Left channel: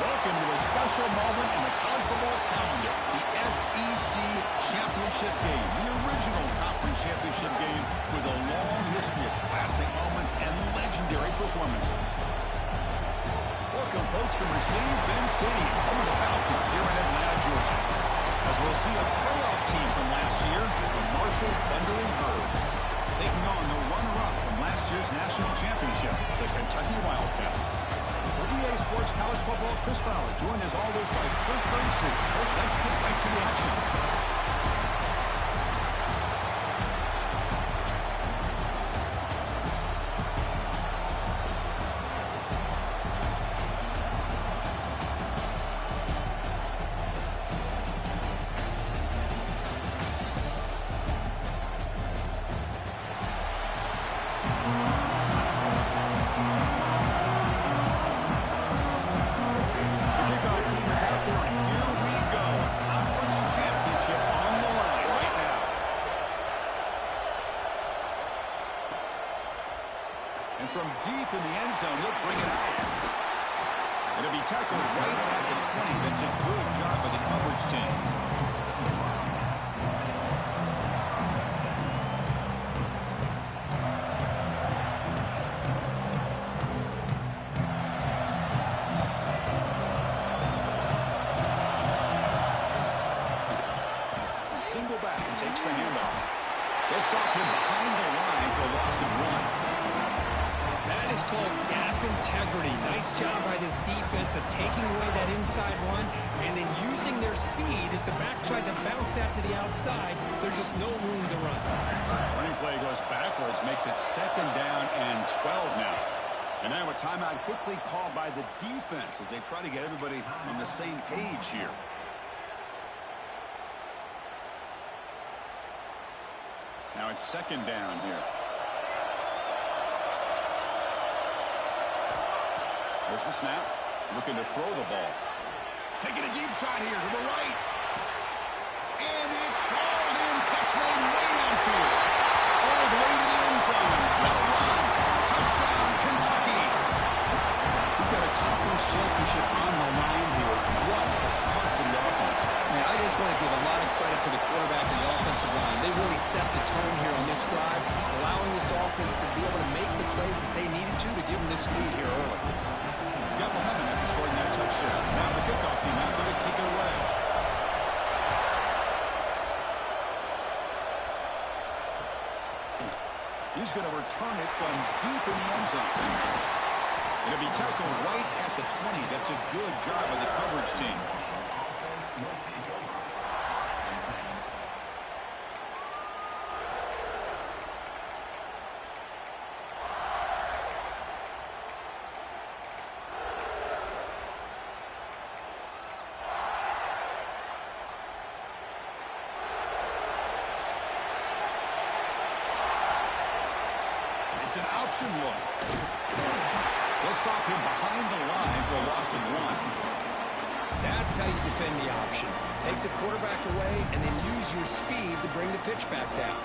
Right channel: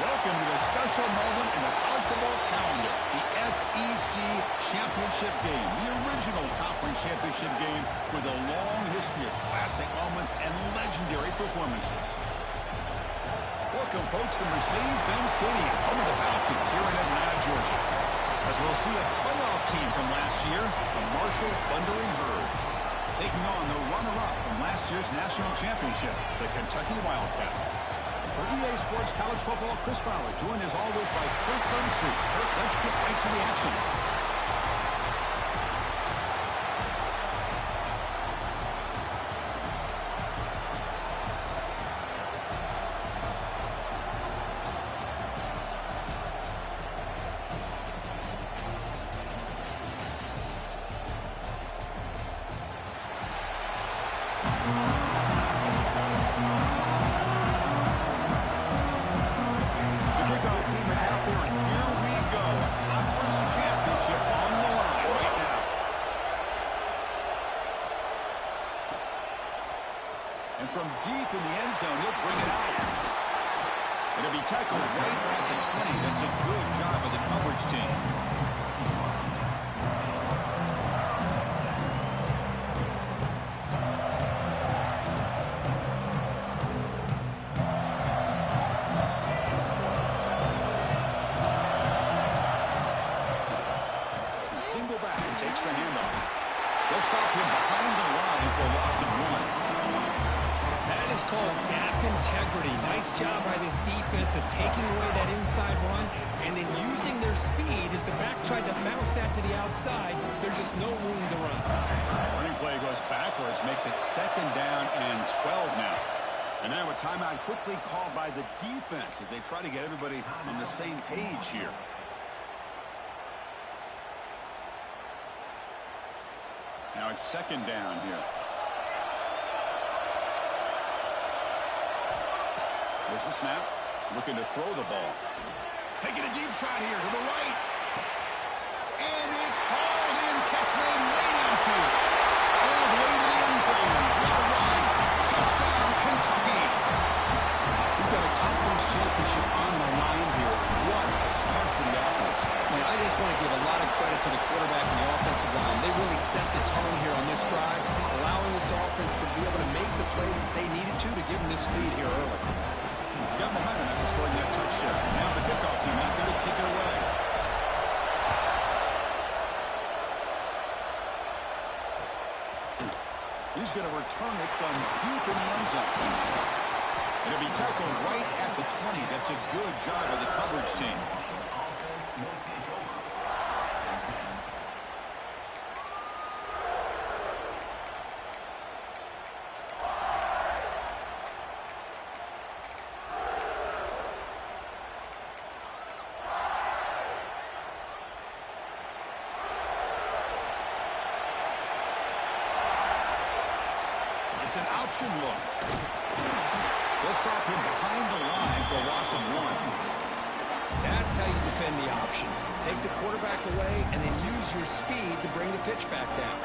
Welcome to a special moment in the college football calendar, the SEC Championship Game, the original conference championship game with a long history of classic moments and legendary performances. Welcome, folks, to Mercedes-Benz Stadium, home of the Falcons here in Atlanta, Georgia. As we'll see a playoff team from last year, the Marshall Thundering Herd, taking on the runner-up from last year's national championship, the Kentucky Wildcats. For EA Sports College Football, Chris Fowler, joined as always by Kirk Burnstreet. Kirk, let's get right to the action. And from deep in the end zone, he'll bring it out. It'll be tackled right at the 20. That's a good job by the coverage team. Single back and takes the handoff. They'll stop him behind the line for a loss of 1. That is called gap integrity. Nice job by this defense of taking away that inside run and then using their speed as the back tried to bounce that to the outside. There's just no room to run. Running play goes backwards, makes it 2nd down and 12 now. And now a timeout quickly called by the defense as they try to get everybody on the same page here. Now it's 2nd down here. There's the snap. Looking to throw the ball. Taking a deep shot here to the right. And it's hauled in. Catch made way downfield. All the way to the end zone. What a run. Touchdown, Kentucky. We've got a conference championship on the line here. What a start for the offense. Man, I just want to give a lot of credit to the quarterback and the offensive line. They really set the tone here on this drive, allowing this offense to be able to make the plays that they needed to give them this lead here early. Got momentum after scoring that touchdown. Now the kickoff team out there to kick it away. He's going to return it from deep in the end zone. It'll be tackled right at the 20. That's a good job by the coverage team. It's an option look. They'll stop him behind the line for a loss of 1. That's how you defend the option. Take the quarterback away and then use your speed to bring the pitch back down.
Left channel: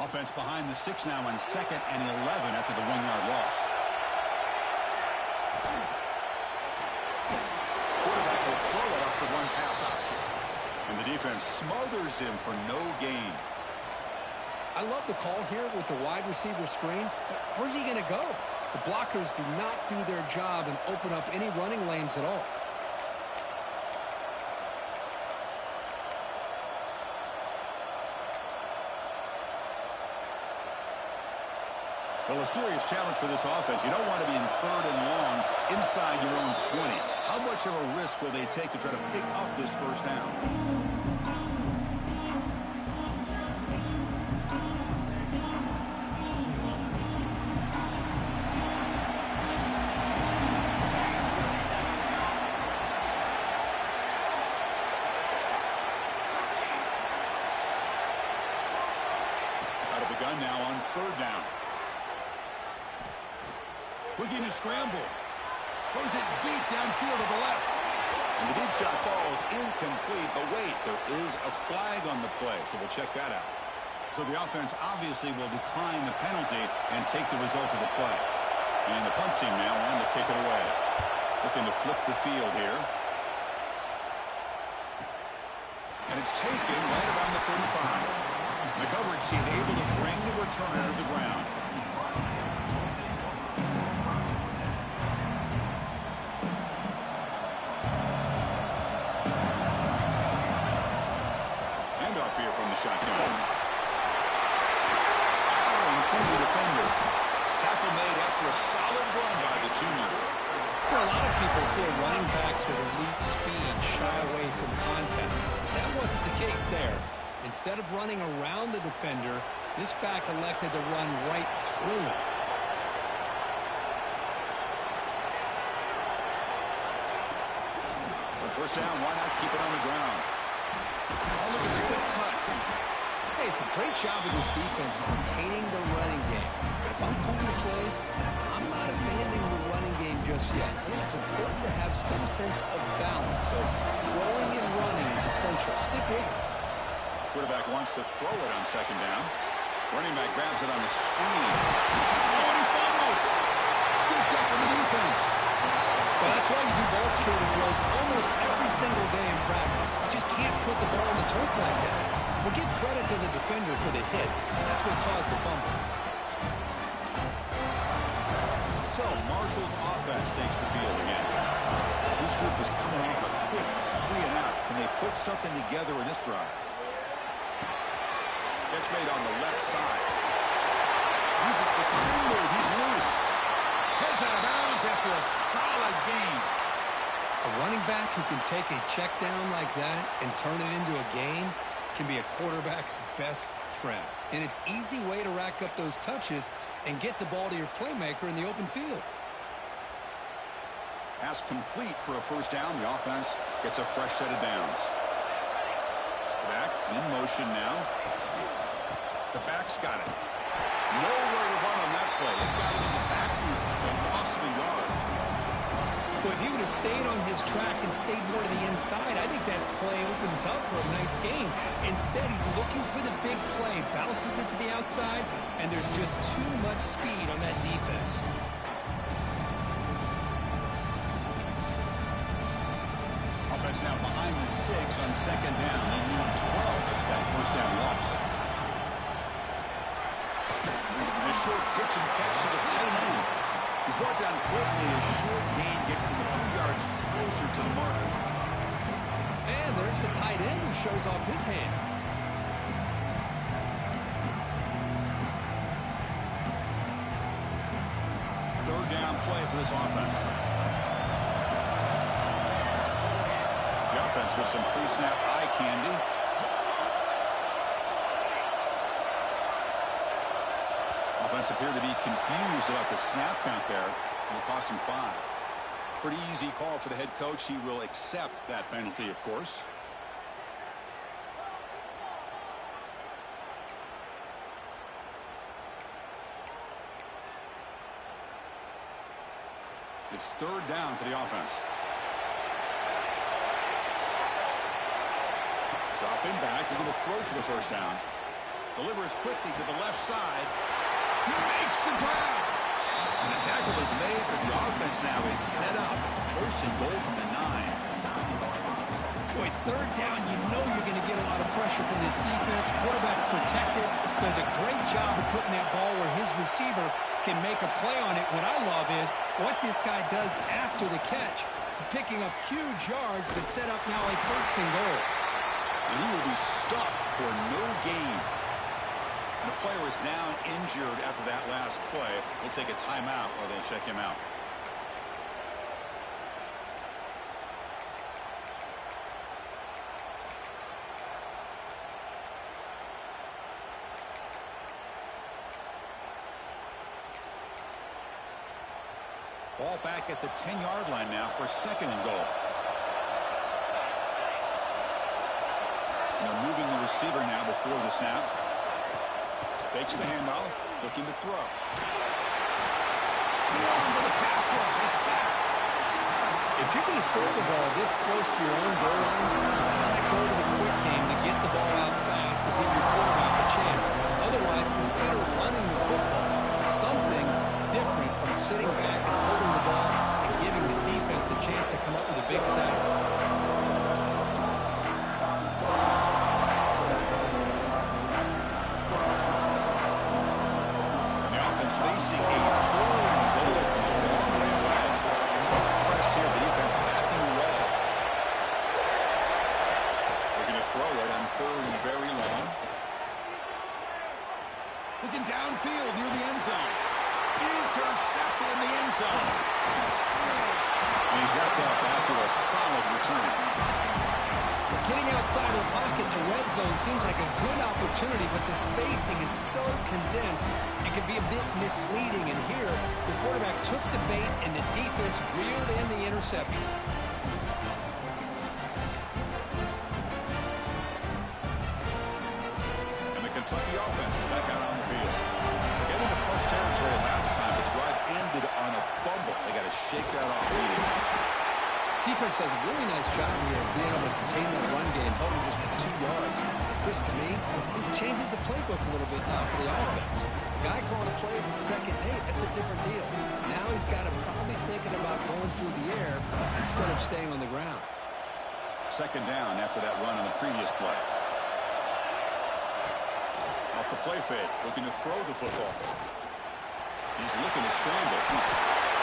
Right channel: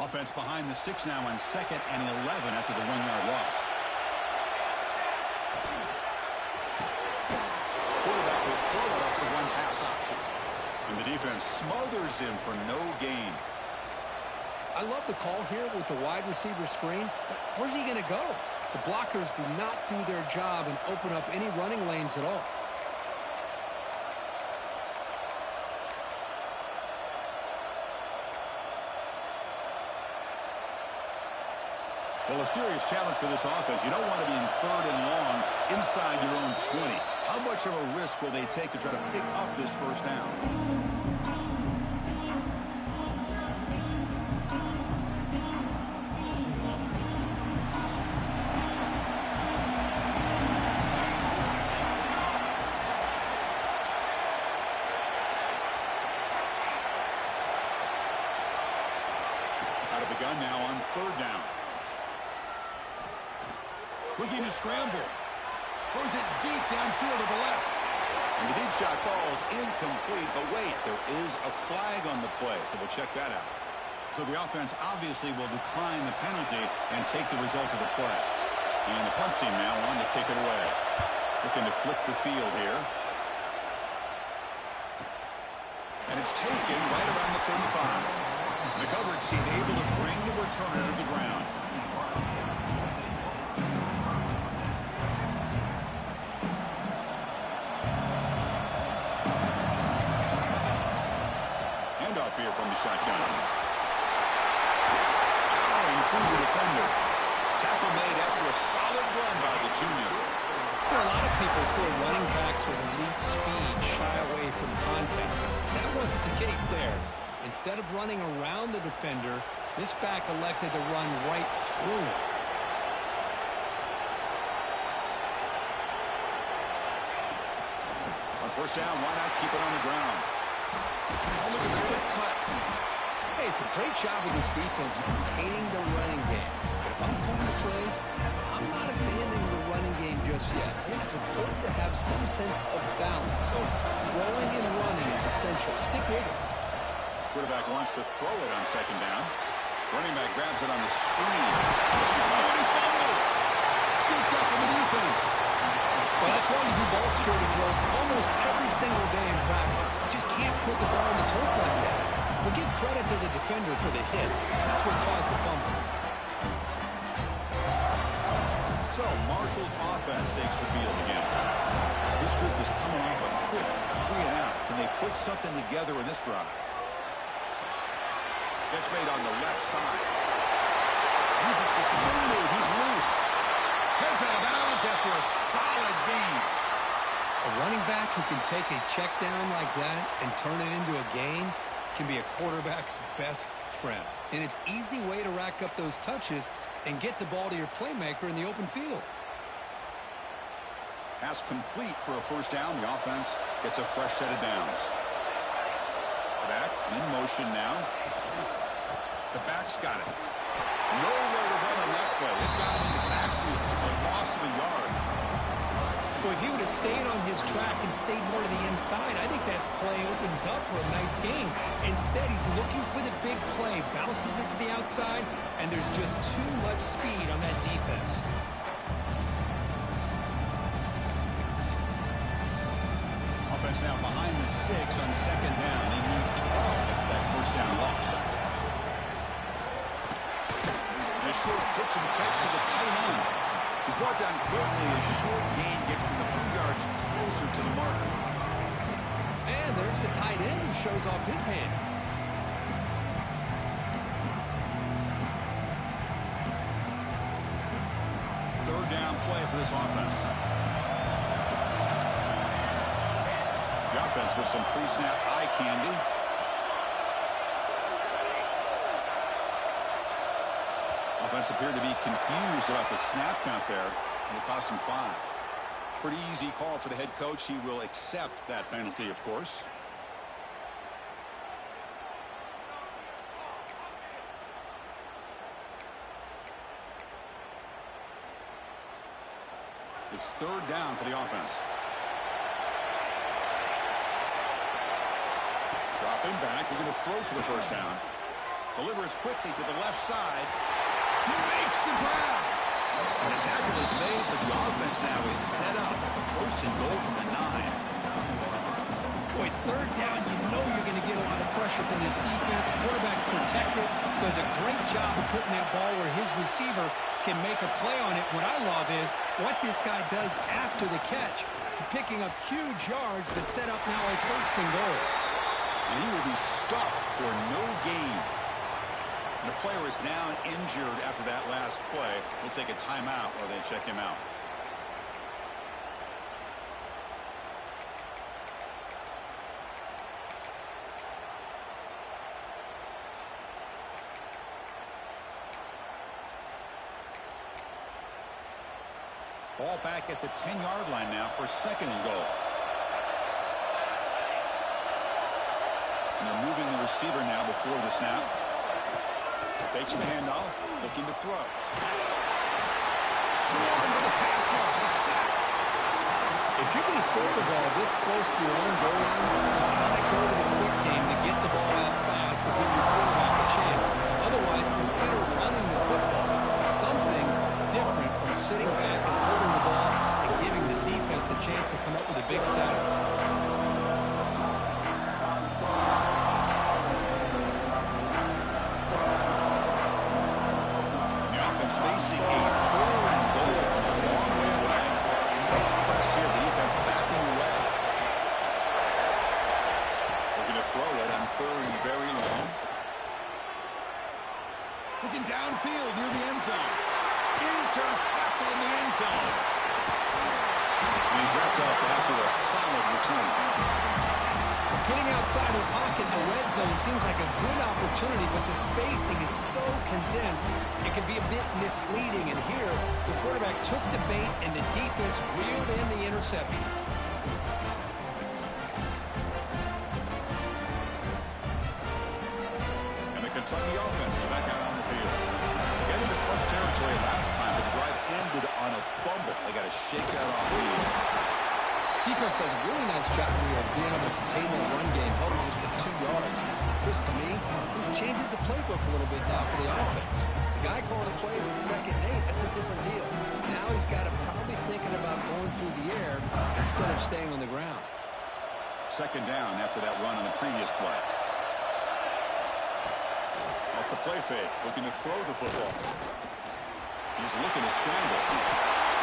Offense behind the 6 now on 2nd and 11 after the 1-yard loss. Quarterback will throw it off the one-pass option. And the defense smothers him for no gain. I love the call here with the wide receiver screen, but where's he going to go? The blockers do not do their job and open up any running lanes at all. Well, a serious challenge for this offense. You don't want to be in 3rd and long inside your own 20. How much of a risk will they take to try to pick up this 1st down? Out of the gun now on 3rd down. Looking to scramble. Throws it deep downfield to the left. And the deep shot falls incomplete. But wait, there is a flag on the play, so we'll check that out. So the offense obviously will decline the penalty and take the result of the play. And the punt team now on to kick it away. Looking to flip the field here. And it's taken right around the 35. The coverage team able to bring the returner to the ground. Handoff here from the shotgun. Powering through the defender. Tackle made after a solid run by the junior. There are a lot of people feel running backs with elite speed shy away from contact. That wasn't the case there. Instead of running around the defender, this back elected to run right through him. On first down, why not keep it on the ground? Oh, look at the quick cut. Hey, it's a great job of this defense containing the running game. But if I'm calling the plays, I'm not abandoning the running game just yet. I think it's important to have some sense of balance. So throwing and running is essential. Stick with it. Quarterback wants to throw it on second down. Running back grabs it on the screen. Oh, and he fumbles. Scooped up in the defense. Well, that's why you do ball security drills almost every single day in practice. You just can't put the ball on the turf like that. But give credit to the defender for the hit, because that's what caused the fumble. So, Marshall's offense takes the field again. This group is coming off a quick 3 and out. Can they put something together in this drive? Catch made on the left side. Uses the spin move. He's loose. Heads out of bounds after a solid gain. A running back who can take a check down like that and turn it into a gain can be a quarterback's best friend. And it's an easy way to rack up those touches and get the ball to your playmaker in the open field. Pass complete for a first down. The offense gets a fresh set of downs. Back in motion now. The back's got it. Nowhere to run on that play. It got him in the backfield. It's a loss of a yard. Well, if he would have stayed on his track and stayed more to the inside, I think that play opens up for a nice gain. Instead, he's looking for the big play, bounces it to the outside, and there's just too much speed on that defense. Offense now behind the sticks on second down. They need 12 after that first down loss. And a short pitch and catch to the tight end. He's brought down quickly. A short gain gets them a few yards closer to the marker. And there's the tight end who shows off his hands. Third down play for this offense. The offense with some pre-snap eye candy. Offense appeared to be confused about the snap count there. It'll cost him 5. Pretty easy call for the head coach. He will accept that penalty, of course. It's third down for the offense. Dropping back. They're going to throw for the first down. Delivers quickly to the left side. He makes the grab. And the tackle is made, but the offense now is set up. First and goal from the 9. Boy, third down, you know you're going to get a lot of pressure from this defense. Quarterback's protected. Does a great job of putting that ball where his receiver can make a play on it. What I love is what this guy does after the catch to picking up huge yards to set up now a first and goal. And he will be stuffed for no gain. And the player is down injured after that last play. We'll take a timeout while they check him out. Ball back at the 10-yard line now for second and goal. And they're moving the receiver now before the snap. Fakes the handoff, looking to throw. Swarmed with a pass rush, a sack. If you're going to throw the ball this close to your own goal line, you got to go to the quick game to get the ball out fast to give your quarterback a chance. Otherwise, consider running the football. Something different from sitting back and holding the ball and giving the defense a chance to come up with a big sack. The offense facing a 3rd and goal from a long way away. Press here, the defense backing away. We're going to throw it on 3rd and very long. Looking downfield near the end zone. Intercepted in the end zone. And he's wrapped up after a solid return. Getting outside of the pocket in the red zone seems like a good opportunity, but the spacing is so condensed, it can be a bit misleading. And here, the quarterback took the bait, and the defense reeled in the interception. And the Kentucky offense is back out on the field. Getting into plus territory last time, but the drive ended on a fumble. They got to shake that off immediately. Defense does a really nice job here of being able to contain that run game, held them just to 2 yards. Chris, to me, this changes the playbook a little bit now for the offense. The guy calling the plays at 2nd and 8, that's a different deal. Now he's got to probably thinking about going through the air instead of staying on the ground. 2nd down after that run on the previous play. Off the play fake, looking to throw the football. He's looking to scramble.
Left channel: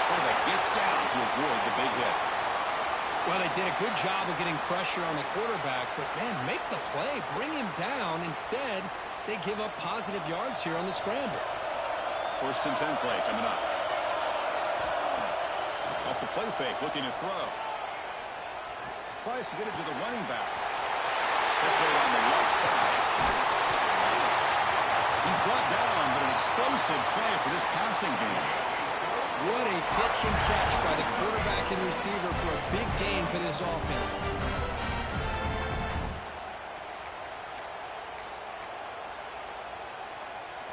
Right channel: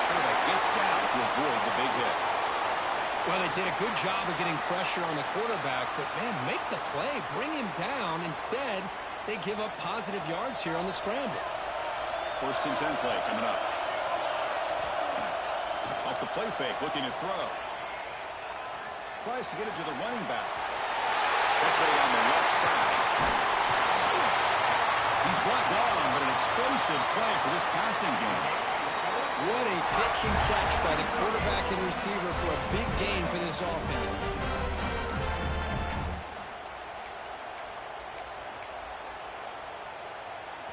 Quarterback gets down to avoid the big hit. Well, they did a good job of getting pressure on the quarterback, but, man, make the play. Bring him down. Instead, they give up positive yards here on the scramble. 1st and 10 play coming up. Off the play fake, looking to throw. Tries to get it to the running back. That's right on the left side. He's brought down, but an explosive play for this passing game. What a pitch and catch by the quarterback and receiver for a big gain for this offense.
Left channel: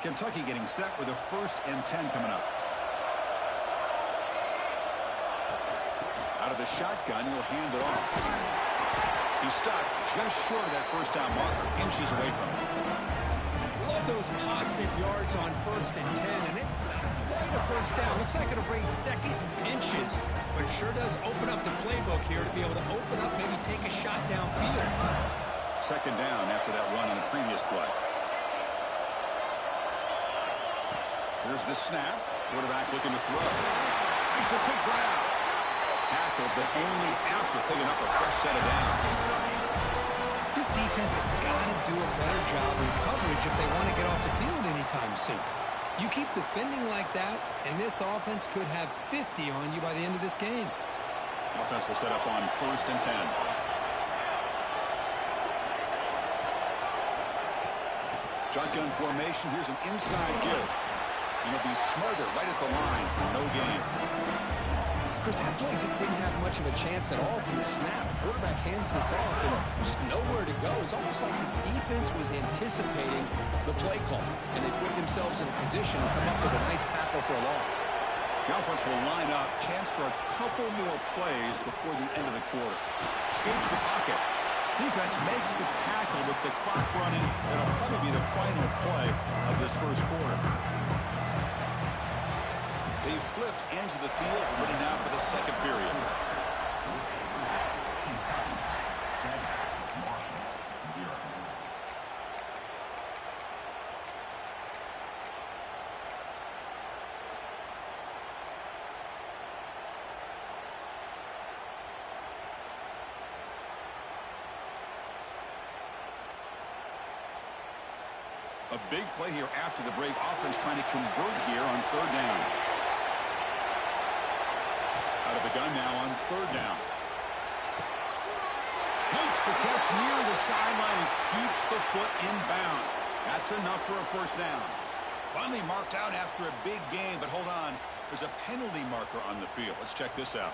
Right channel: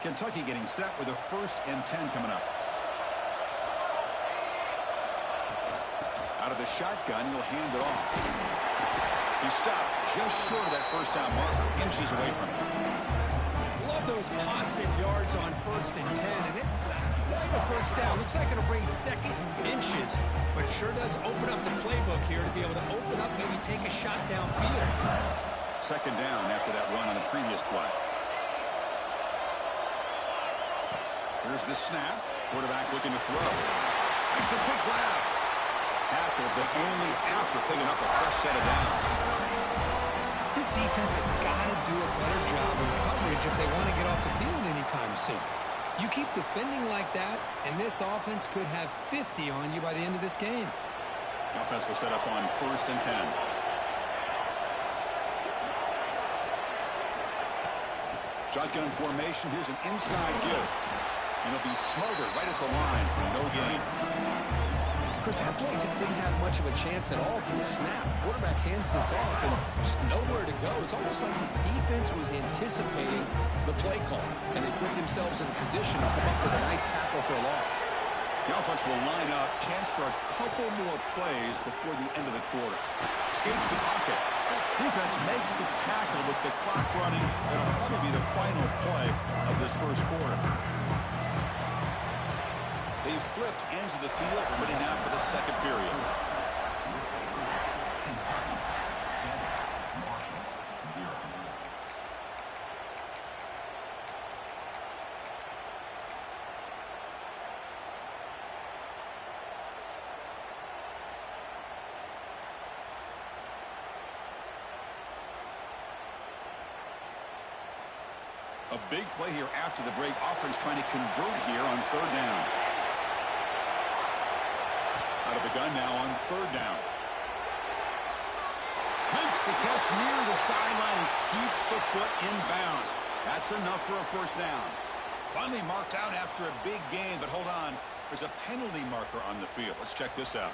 Kentucky getting set with a 1st and 10 coming up. Out of the shotgun, he'll hand it off. He stopped just short of that 1st down marker, inches away from it. Love those positive yards on 1st and 10, and it's not quite a 1st down. Looks like it'll bring 2nd inches, but it sure does open up the playbook here to be able to open up, maybe take a shot downfield. 2nd down after that run on the previous play. Here's the snap. Quarterback looking to throw. Makes a quick grab. Tackled, but only after picking up a fresh set of downs. This defense has got to do a better job in coverage if they want to get off the field anytime soon. You keep defending like that, and this offense could have 50 on you by the end of this game. Offense will set up on 1st and 10. Shotgun formation. Here's an inside give. And he'll be smothered right at the line for no gain. Chris, that play just didn't have much of a chance at all from the snap. Quarterback hands this off, and there's nowhere to go. It's almost like the defense was anticipating the play call, and they put themselves in a position to come up with a nice tackle for a loss. The offense will line up. Chance for a couple more plays before the end of the quarter. Escapes the pocket. Defense makes the tackle with the clock running. That'll probably be the final play of this 1st quarter. They flipped ends of the field, ready now for the 2nd period. A big play here after the break. Offense trying to convert here on 3rd down. Out of the gun now on 3rd down. Makes the catch near the sideline and keeps the foot in bounds. That's enough for a 1st down. Finally marked out after a big gain, but hold on. There's a penalty marker on the field. Let's check this out.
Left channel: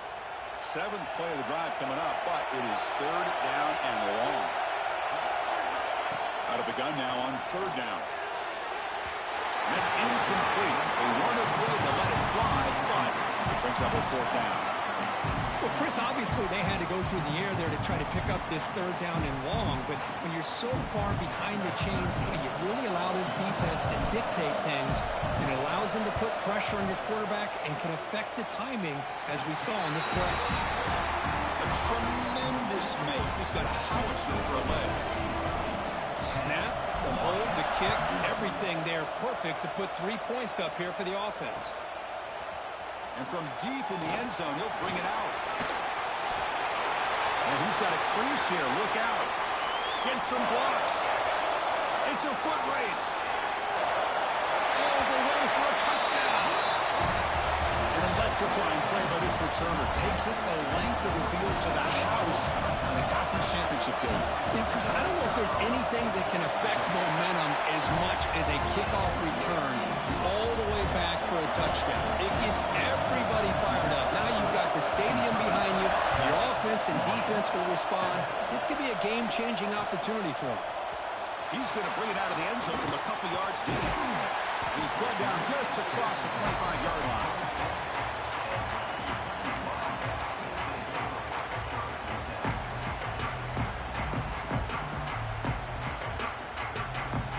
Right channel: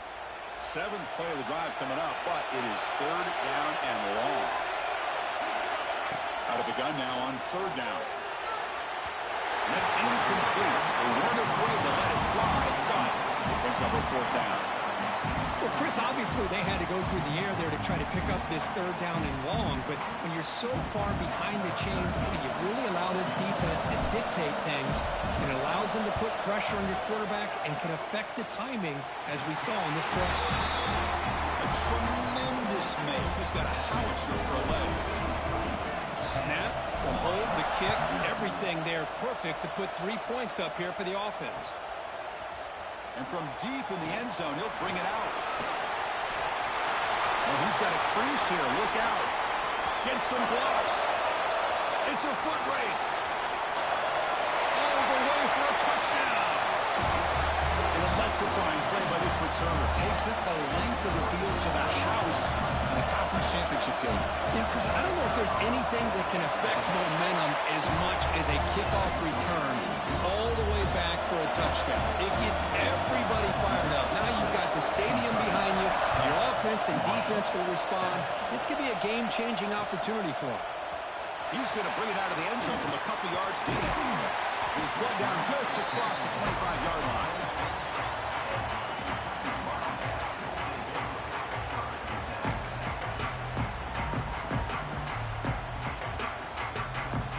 7th play of the drive coming up, but it is 3rd down and long. Out of the gun now on 3rd down. And that's incomplete. They weren't afraid to let it fly, but it brings up a 4th down. Well, Chris, obviously they had to go through the air there to try to pick up this third down and long, but when you're so far behind the chains, you really allow this defense to dictate things, and it allows them to put pressure on your quarterback and can affect the timing, as we saw on this play. A tremendous make. He's got a howitzer for a leg. Snap, the hold, the kick, everything there perfect to put 3 points up here for the offense. And from deep in the end zone, he'll bring it out. Oh, he's got a crease here. Look out. Get some blocks. It's a foot race. All the way for a touchdown. An electrifying play by this returner. Takes it the length of the field to the house in the conference championship game. Yeah, Chris, I don't know if there's anything that can affect momentum as much as a kickoff return all the way back for a touchdown. It gets everybody fired up. Now you've got the stadium behind you. Your offense and defense will respond. This could be a game-changing opportunity for him. He's going to bring it out of the end zone from a couple yards deep. He's brought down just across the 25-yard line.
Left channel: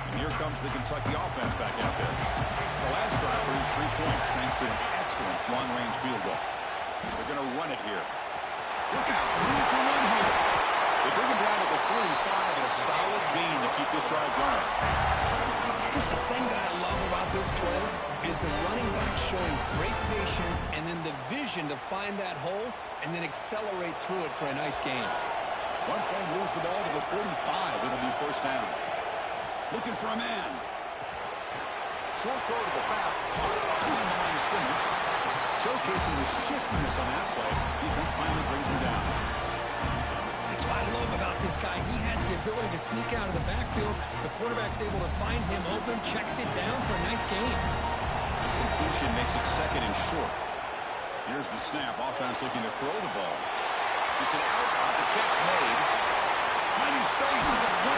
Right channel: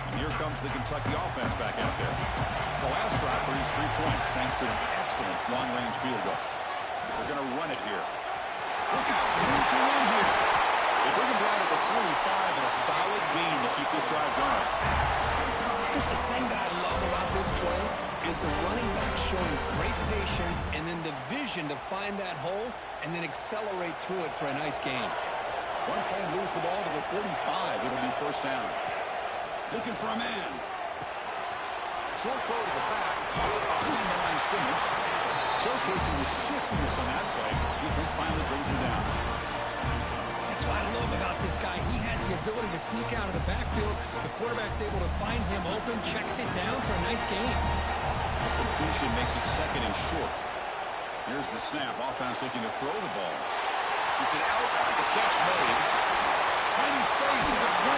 And here comes the Kentucky offense back out there. The last drive produced 3 points thanks to an excellent long-range field goal. They're going to run it here. Look out, room to run here. They bring him down to the 45 and a solid gain to keep this drive going. Just the thing that I love about this play is the running back showing great patience and then the vision to find that hole and then accelerate through it for a nice gain. One play moves the ball to the 45. It'll be first down. Looking for a man. Short throw to the back, caught behind the line of scrimmage. Showcasing the shiftiness on that play. Defense finally brings him down. That's what I love about this guy. He has the ability to sneak out of the backfield. The quarterback's able to find him open, checks it down for a nice gain. Completion makes it second and short. Here's the snap. Offense looking to throw the ball. It's an out route. The catch made. Finding space at the 20.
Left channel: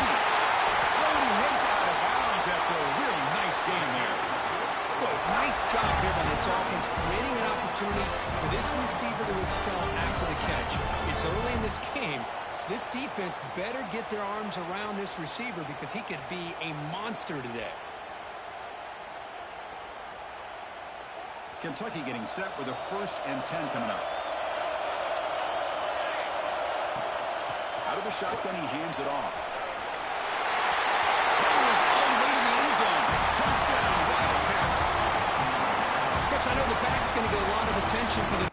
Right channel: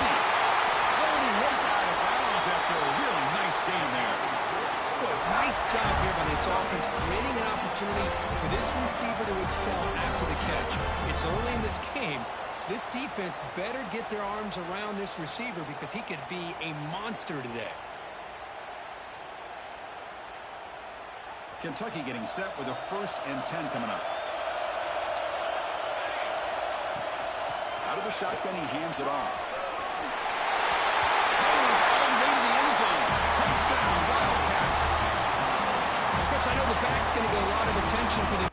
Oh, and he heads out of bounds after a really nice game there. Boy, nice job here by this offense, creating an opportunity for this receiver to excel after the catch. It's early in this game, so this defense better get their arms around this receiver because he could be a monster today. Kentucky getting set with a 1st and 10 coming up. Out of the shotgun, he hands it off. Goes all the way to the end zone. Touchdown, Wildcats. Chris, I know the back's going to get a lot of attention for this.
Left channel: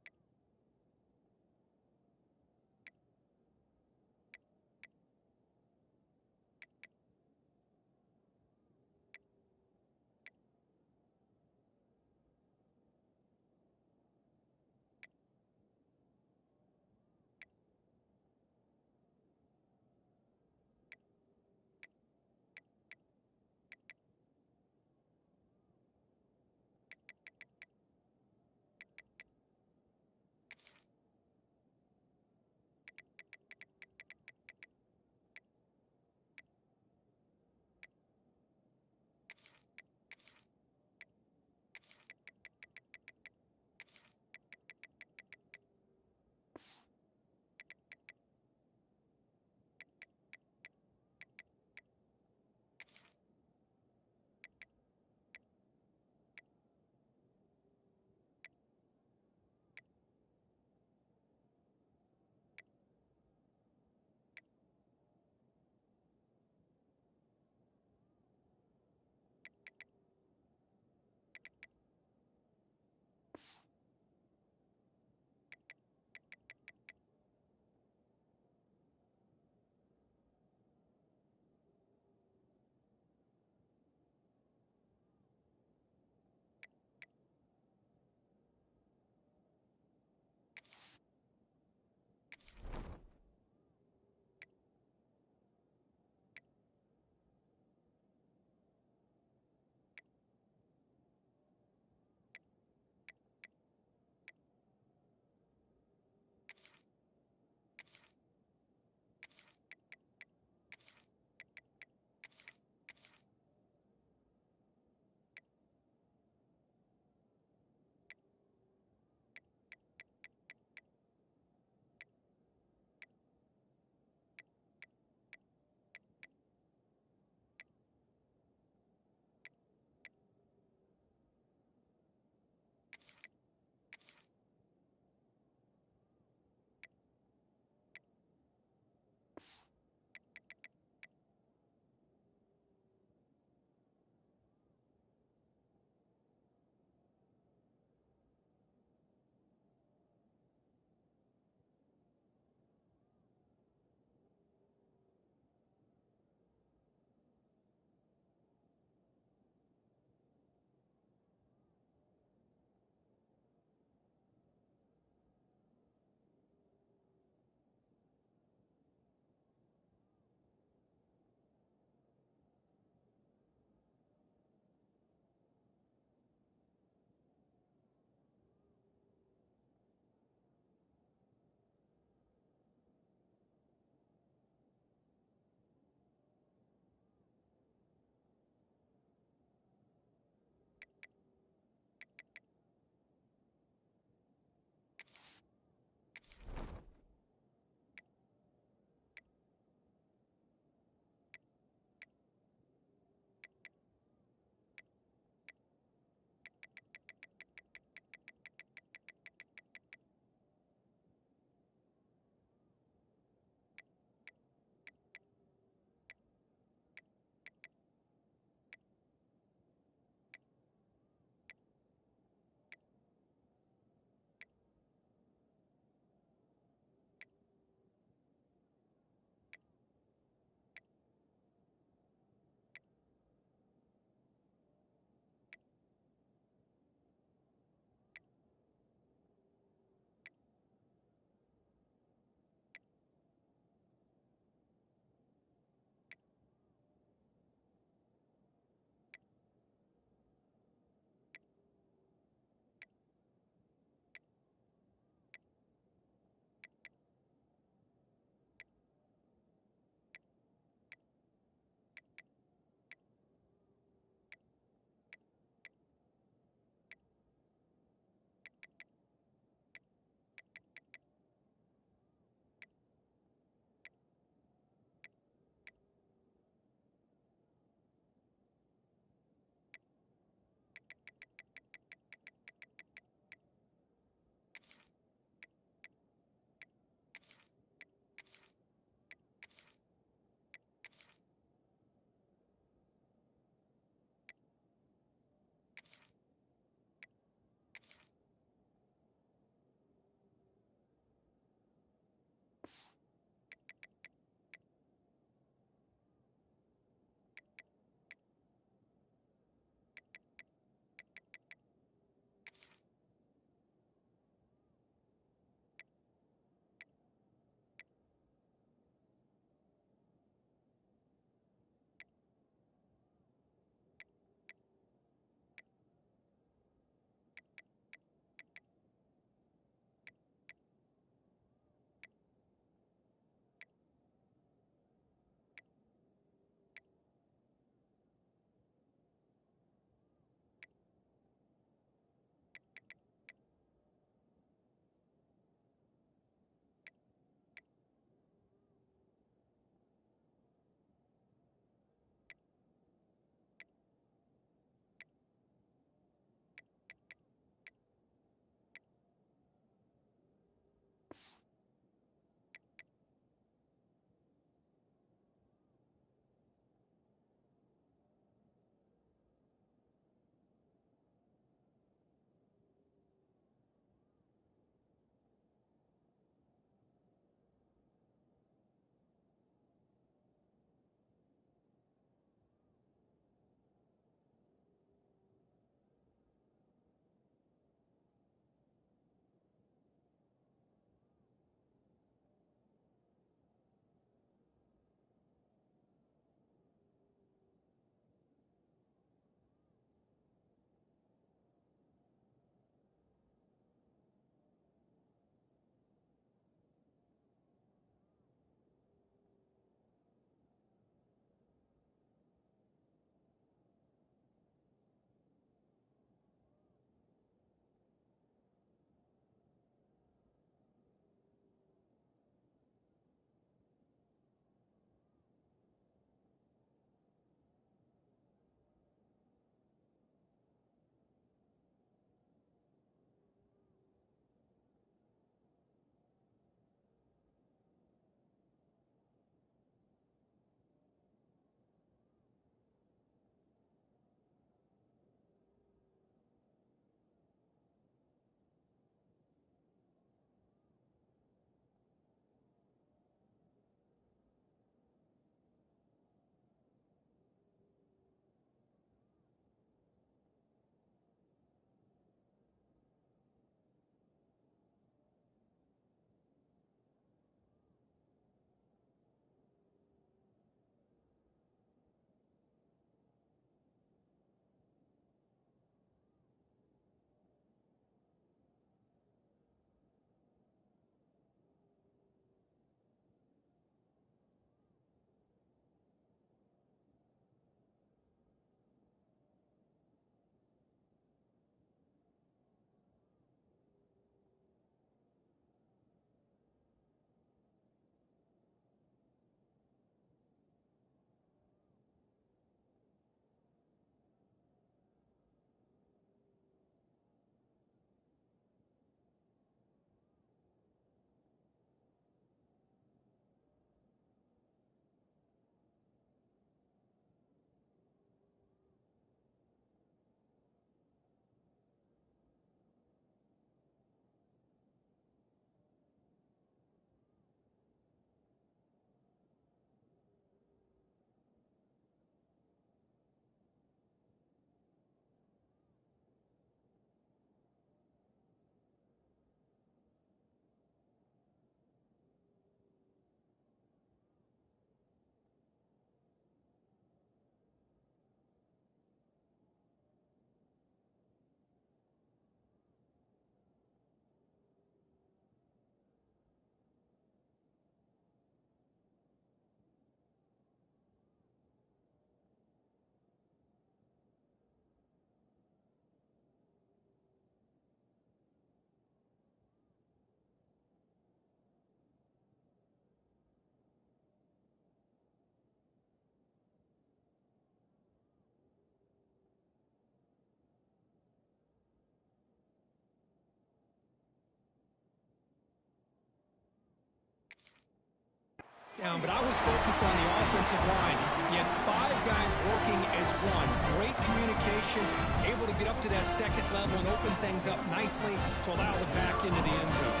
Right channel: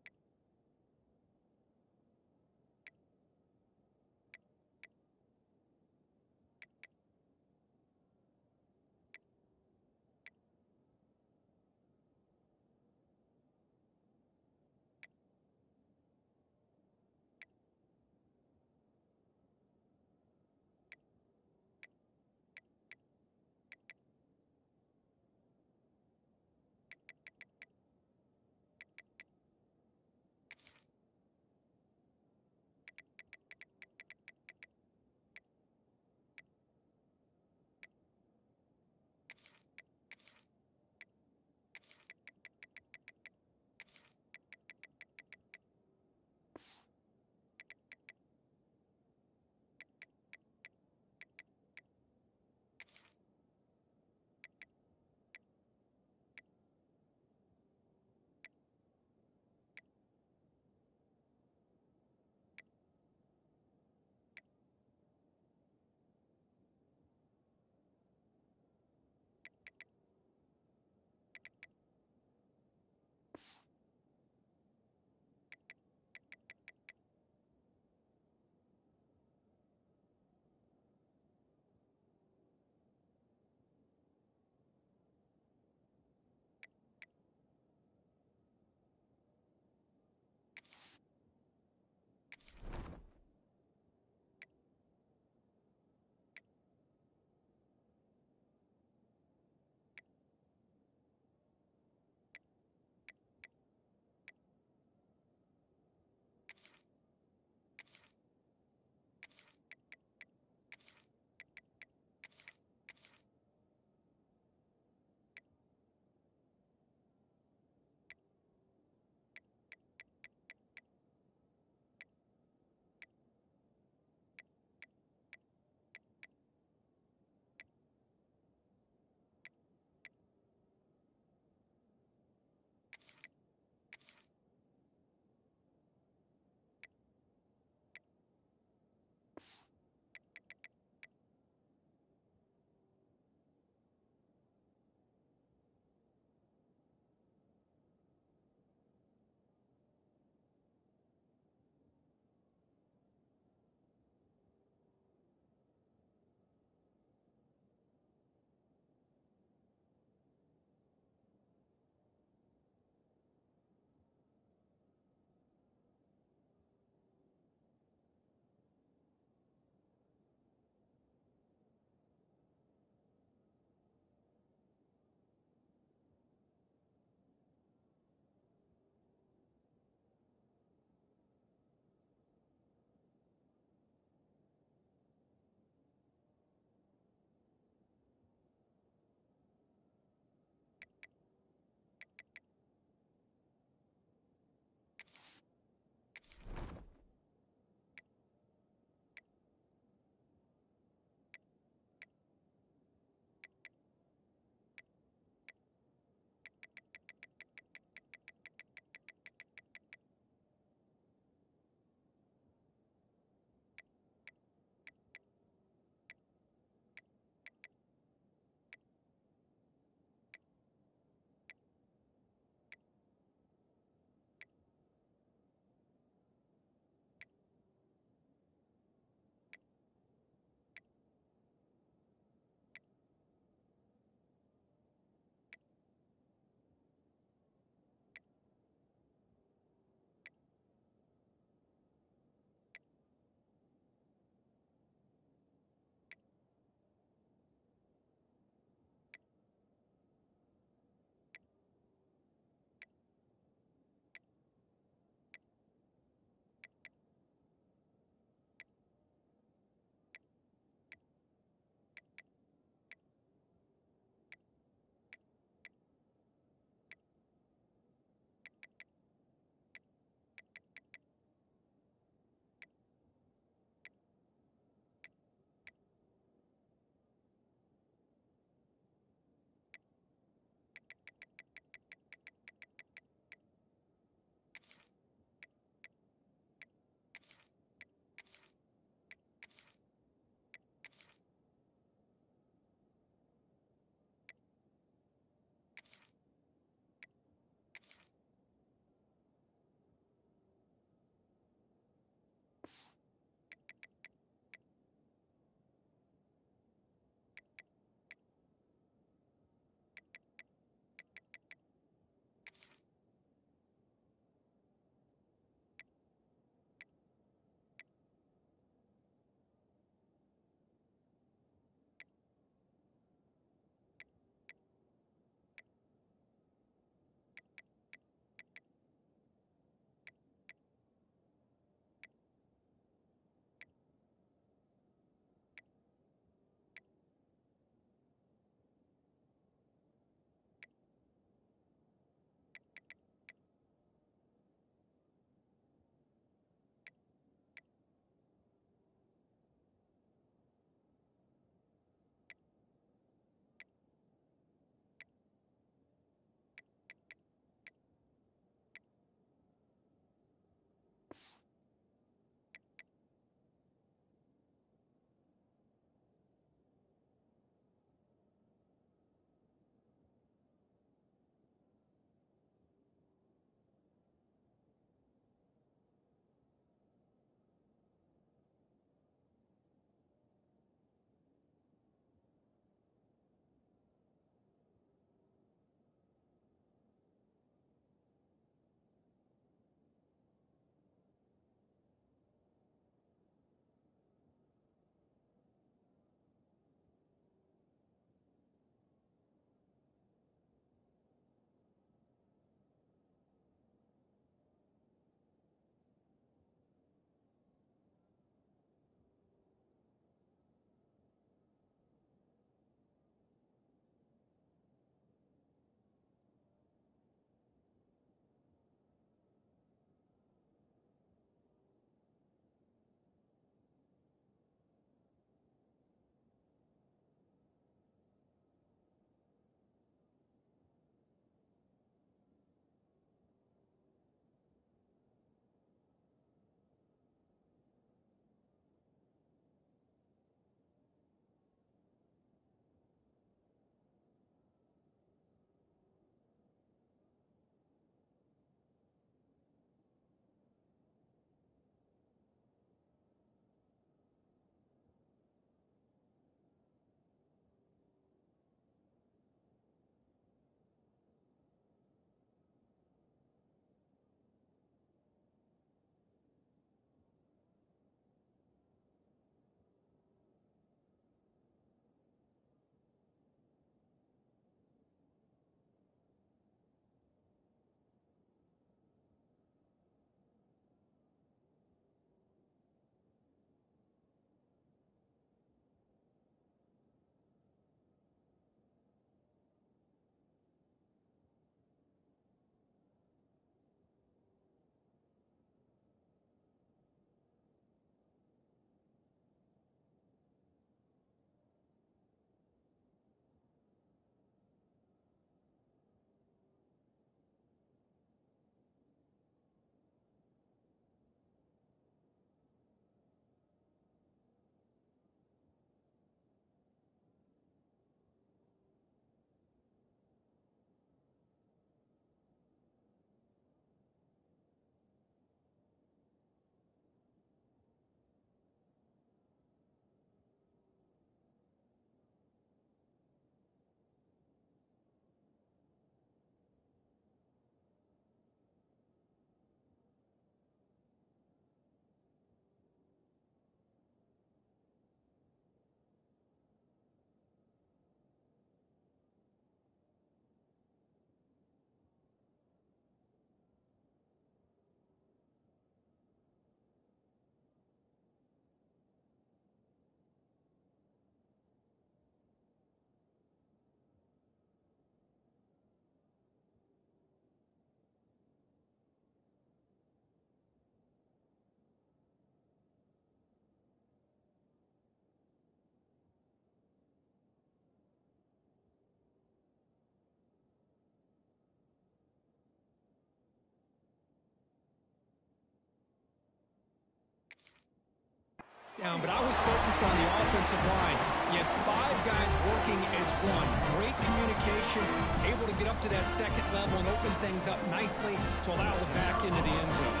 down, but I was focused on the offensive line. You had 5 guys working as one. Great communication, able to get up to that second level and open things up nicely to allow the back into the end zone.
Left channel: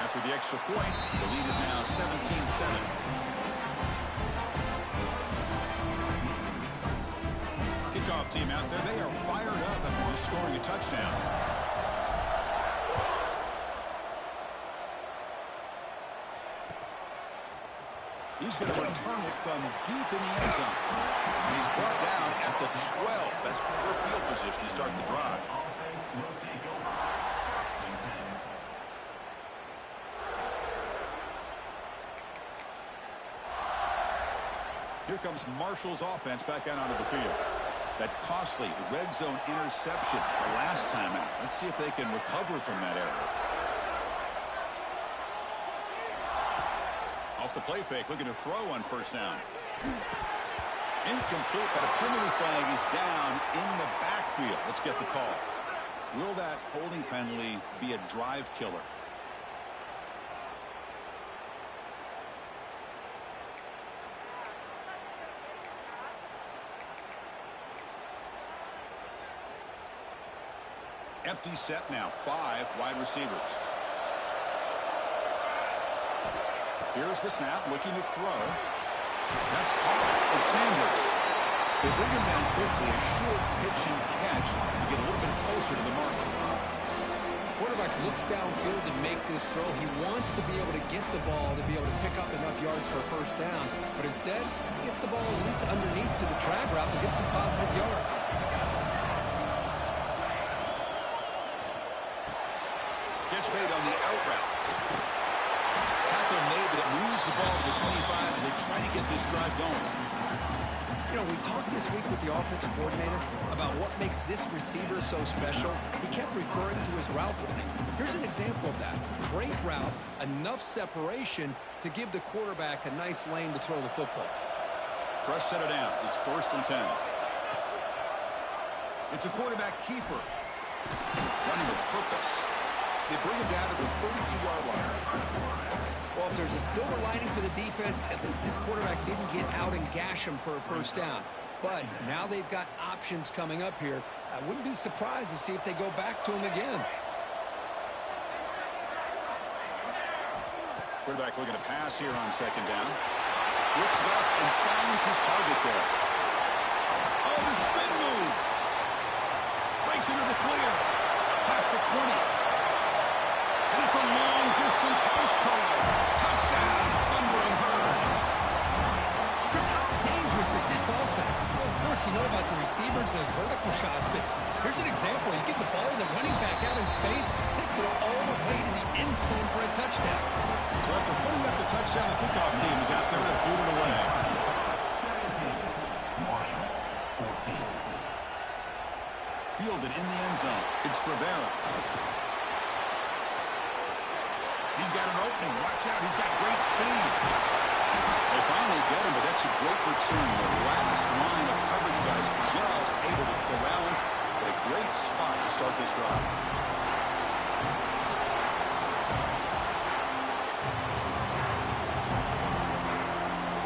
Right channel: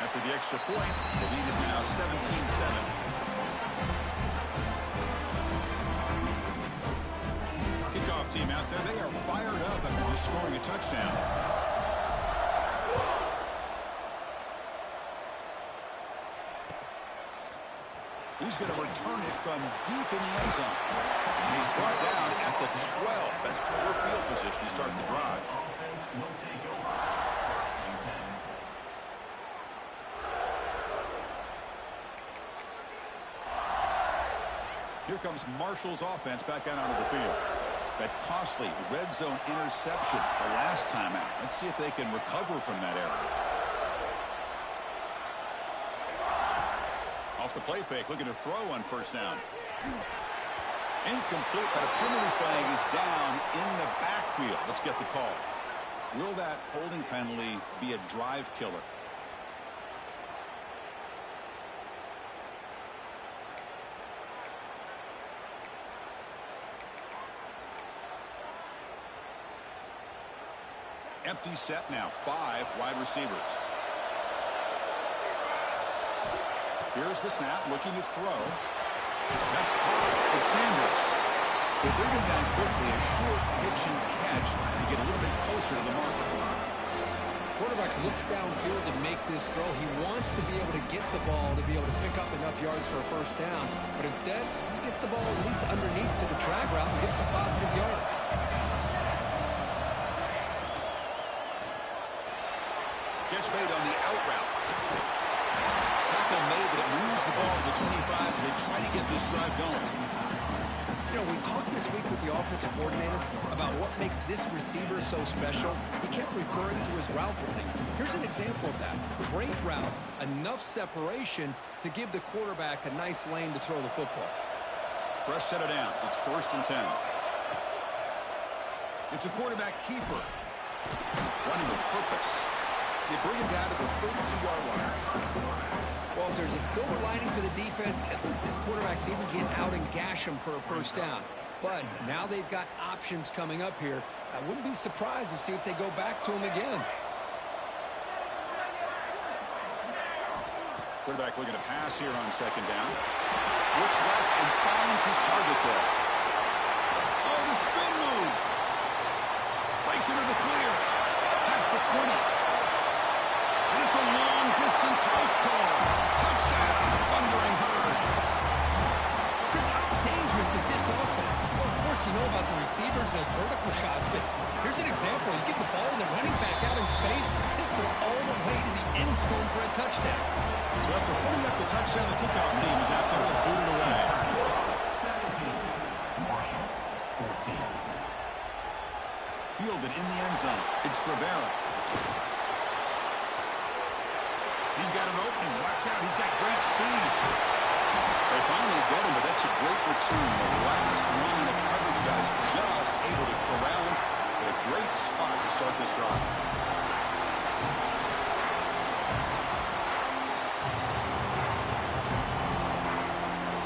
After the extra point, the lead is now 17-7. Kickoff team out there, they are fired up after just scoring a touchdown. He's going to return it from deep in the end zone. And he's brought down at the 12. That's poor field position to start the drive. Here comes Marshall's offense back out onto the field. That costly red zone interception the last time out. Let's see if they can recover from that error. Off the play fake, looking to throw on first down. Incomplete, but a penalty flag is down in the backfield. Let's get the call. Will that holding penalty be a drive killer? Empty set now, 5 wide receivers. Here's the snap, looking to throw. That's caught. It's Sanders. They bring him down quickly, a short pitch and catch to get a little bit closer to the marker. Quarterback looks downfield to make this throw. He wants to be able to get the ball to be able to pick up enough yards for a first down, but instead, he gets the ball at least underneath to the drag route and gets some positive yards. Catch made on the out route. Tackle made, but it moves the ball to the 25 as they try to get this drive going. You know, we talked this week with the offensive coordinator about what makes this receiver so special. He kept referring to his route running. Here's an example of that. Great route, enough separation to give the quarterback a nice lane to throw the football. Fresh set of downs. It's 1st and 10. It's a quarterback keeper. Running with purpose. They bring him down to the 32-yard line. Well, if there's a silver lining for the defense, at least this quarterback didn't get out and gash him for a first down. But now they've got options coming up here. I wouldn't be surprised to see if they go back to him again. Quarterback looking to pass here on 2nd down. Looks left and finds his target there. Oh, the spin move. Breaks into the clear. Past the 20. And it's a long-distance house call. Touchdown, Thundering Herd. Chris, how dangerous is this offense? Well, of course, you know about the receivers, those vertical shots, but here's an example. You get the ball and the running back out in space, takes it all the way to the end zone for a touchdown. So after putting up the touchdown, the kickoff team is out there to boot it away. 17, Marshall, 14. Fielded in the end zone. It's Rivera. He's got an opening. Watch out. He's got great speed. They finally get him, but that's a great return. The last line of coverage guys just able to corral him. But a great spot to start this drive.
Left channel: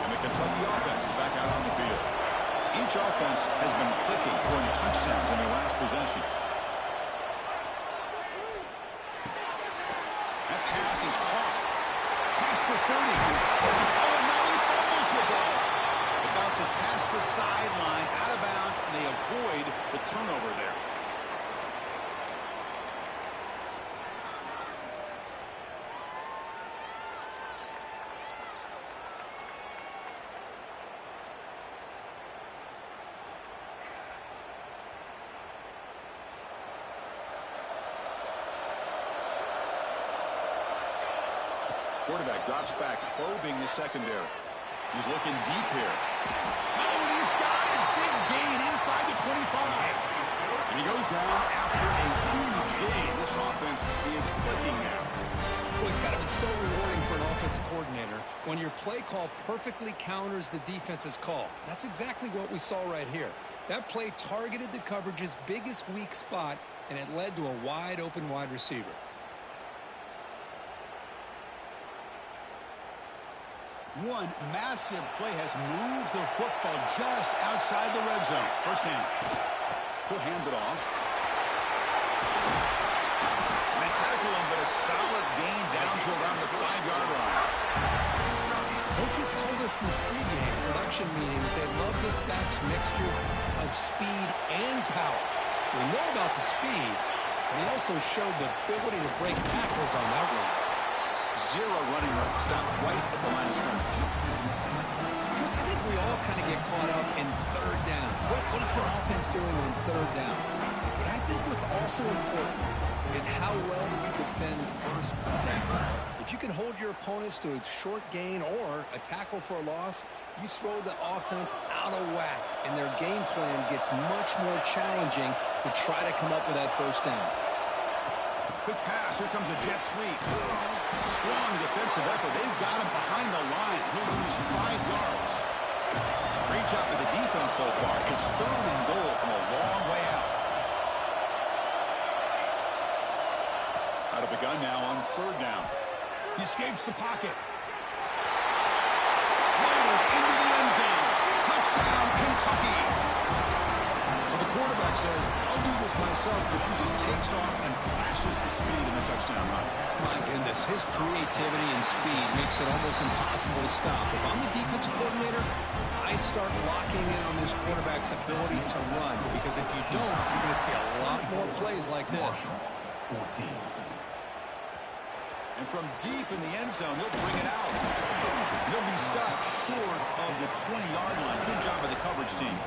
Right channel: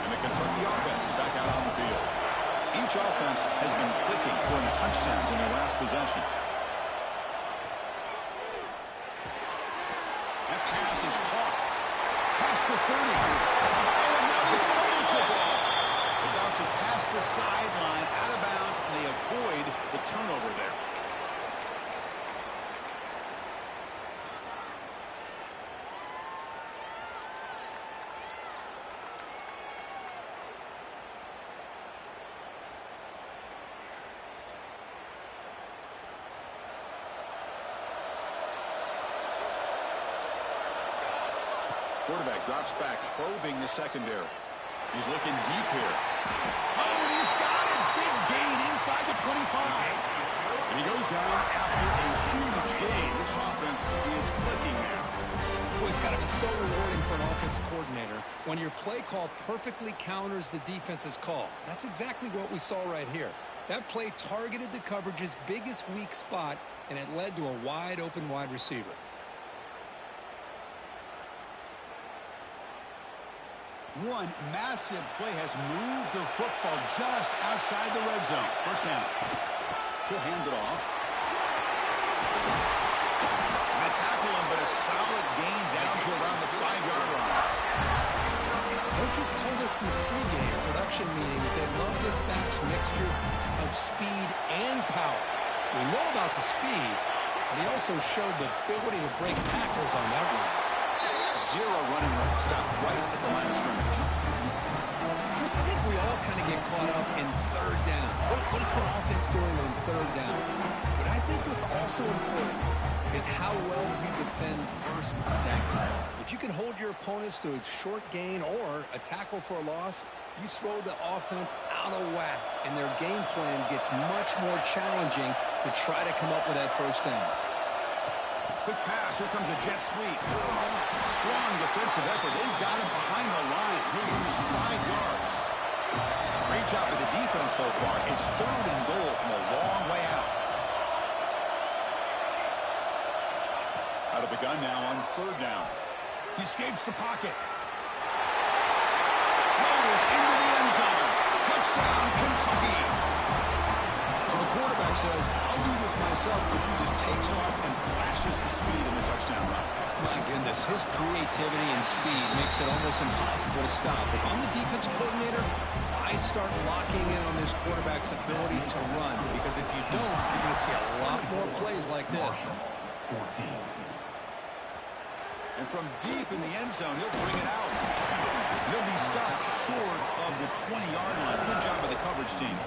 And the Kentucky offense is back out on the field. Each offense has been clicking, scoring touchdowns in their last possessions. That pass is caught. Past the 30. Oh, and now he fumbles the ball. It bounces past the sideline, out of bounds, and they avoid the turnover there. Quarterback drops back, probing the secondary. He's looking deep here. Oh, and he's got it. Big gain inside the 25. And he goes down after a huge gain. This offense is clicking now. Well, it's got to be so rewarding for an offensive coordinator when your play call perfectly counters the defense's call. That's exactly what we saw right here. That play targeted the coverage's biggest weak spot, and it led to a wide-open wide receiver. One massive play has moved the football just outside the red zone. First down. He'll hand it off. They tackle him, but a solid gain down to around the 5-yard line. Coaches told us in the pregame production meetings they love this back's mixture of speed and power. We know about the speed, but he also showed the ability to break tackles on that one. Zero running room. Stop right at the line of scrimmage. Chris, I think we all kind of get caught up in third down. What's an offense doing on third down? But I think what's also important is how well you defend first down. If you can hold your opponents to a short gain or a tackle for a loss, you throw the offense out of whack, and their game plan gets much more challenging to try to come up with that first down. Quick pass. Here comes a jet sweep. Strong defensive effort. They've got him behind the line. He'll lose 5 yards. Great job of the defense so far. It's 3rd and goal from a long way out. Out of the gun now on 3rd down. He escapes the pocket. Rolls into the end zone. Touchdown, Kentucky. So the quarterback says, I'll do this myself, but he just takes off and flashes the speed in the touchdown run. My goodness, his creativity and speed makes it almost impossible to stop. If I'm the defensive coordinator, I start locking in on this quarterback's ability to run, because if you don't, you're going to see a lot more plays like this. 14. And from deep in the end zone, he'll bring it out. He'll be stopped short of the 20-yard line. Good job by the coverage team.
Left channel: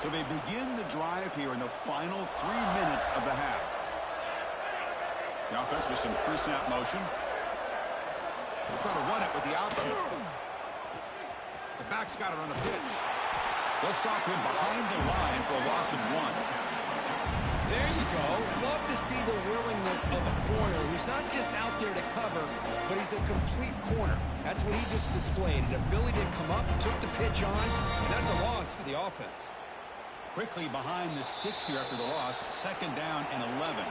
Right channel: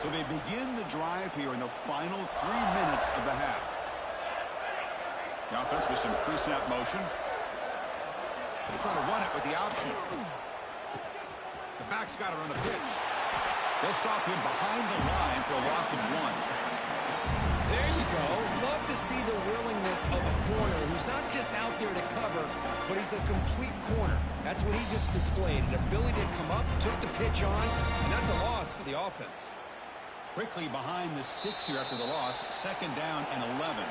So they begin the drive here in the final 3 minutes of the half. The offense with some pre-snap motion. They'll try to run it with the option. The back's got it on the pitch. They'll stop him behind the line for a loss of 1. There you go. Love to see the willingness of a corner who's not just out there to cover, but he's a complete corner. That's what he just displayed, an ability to come up, took the pitch on, and that's a loss for the offense. Quickly behind the sticks here after the loss. 2nd down and 11.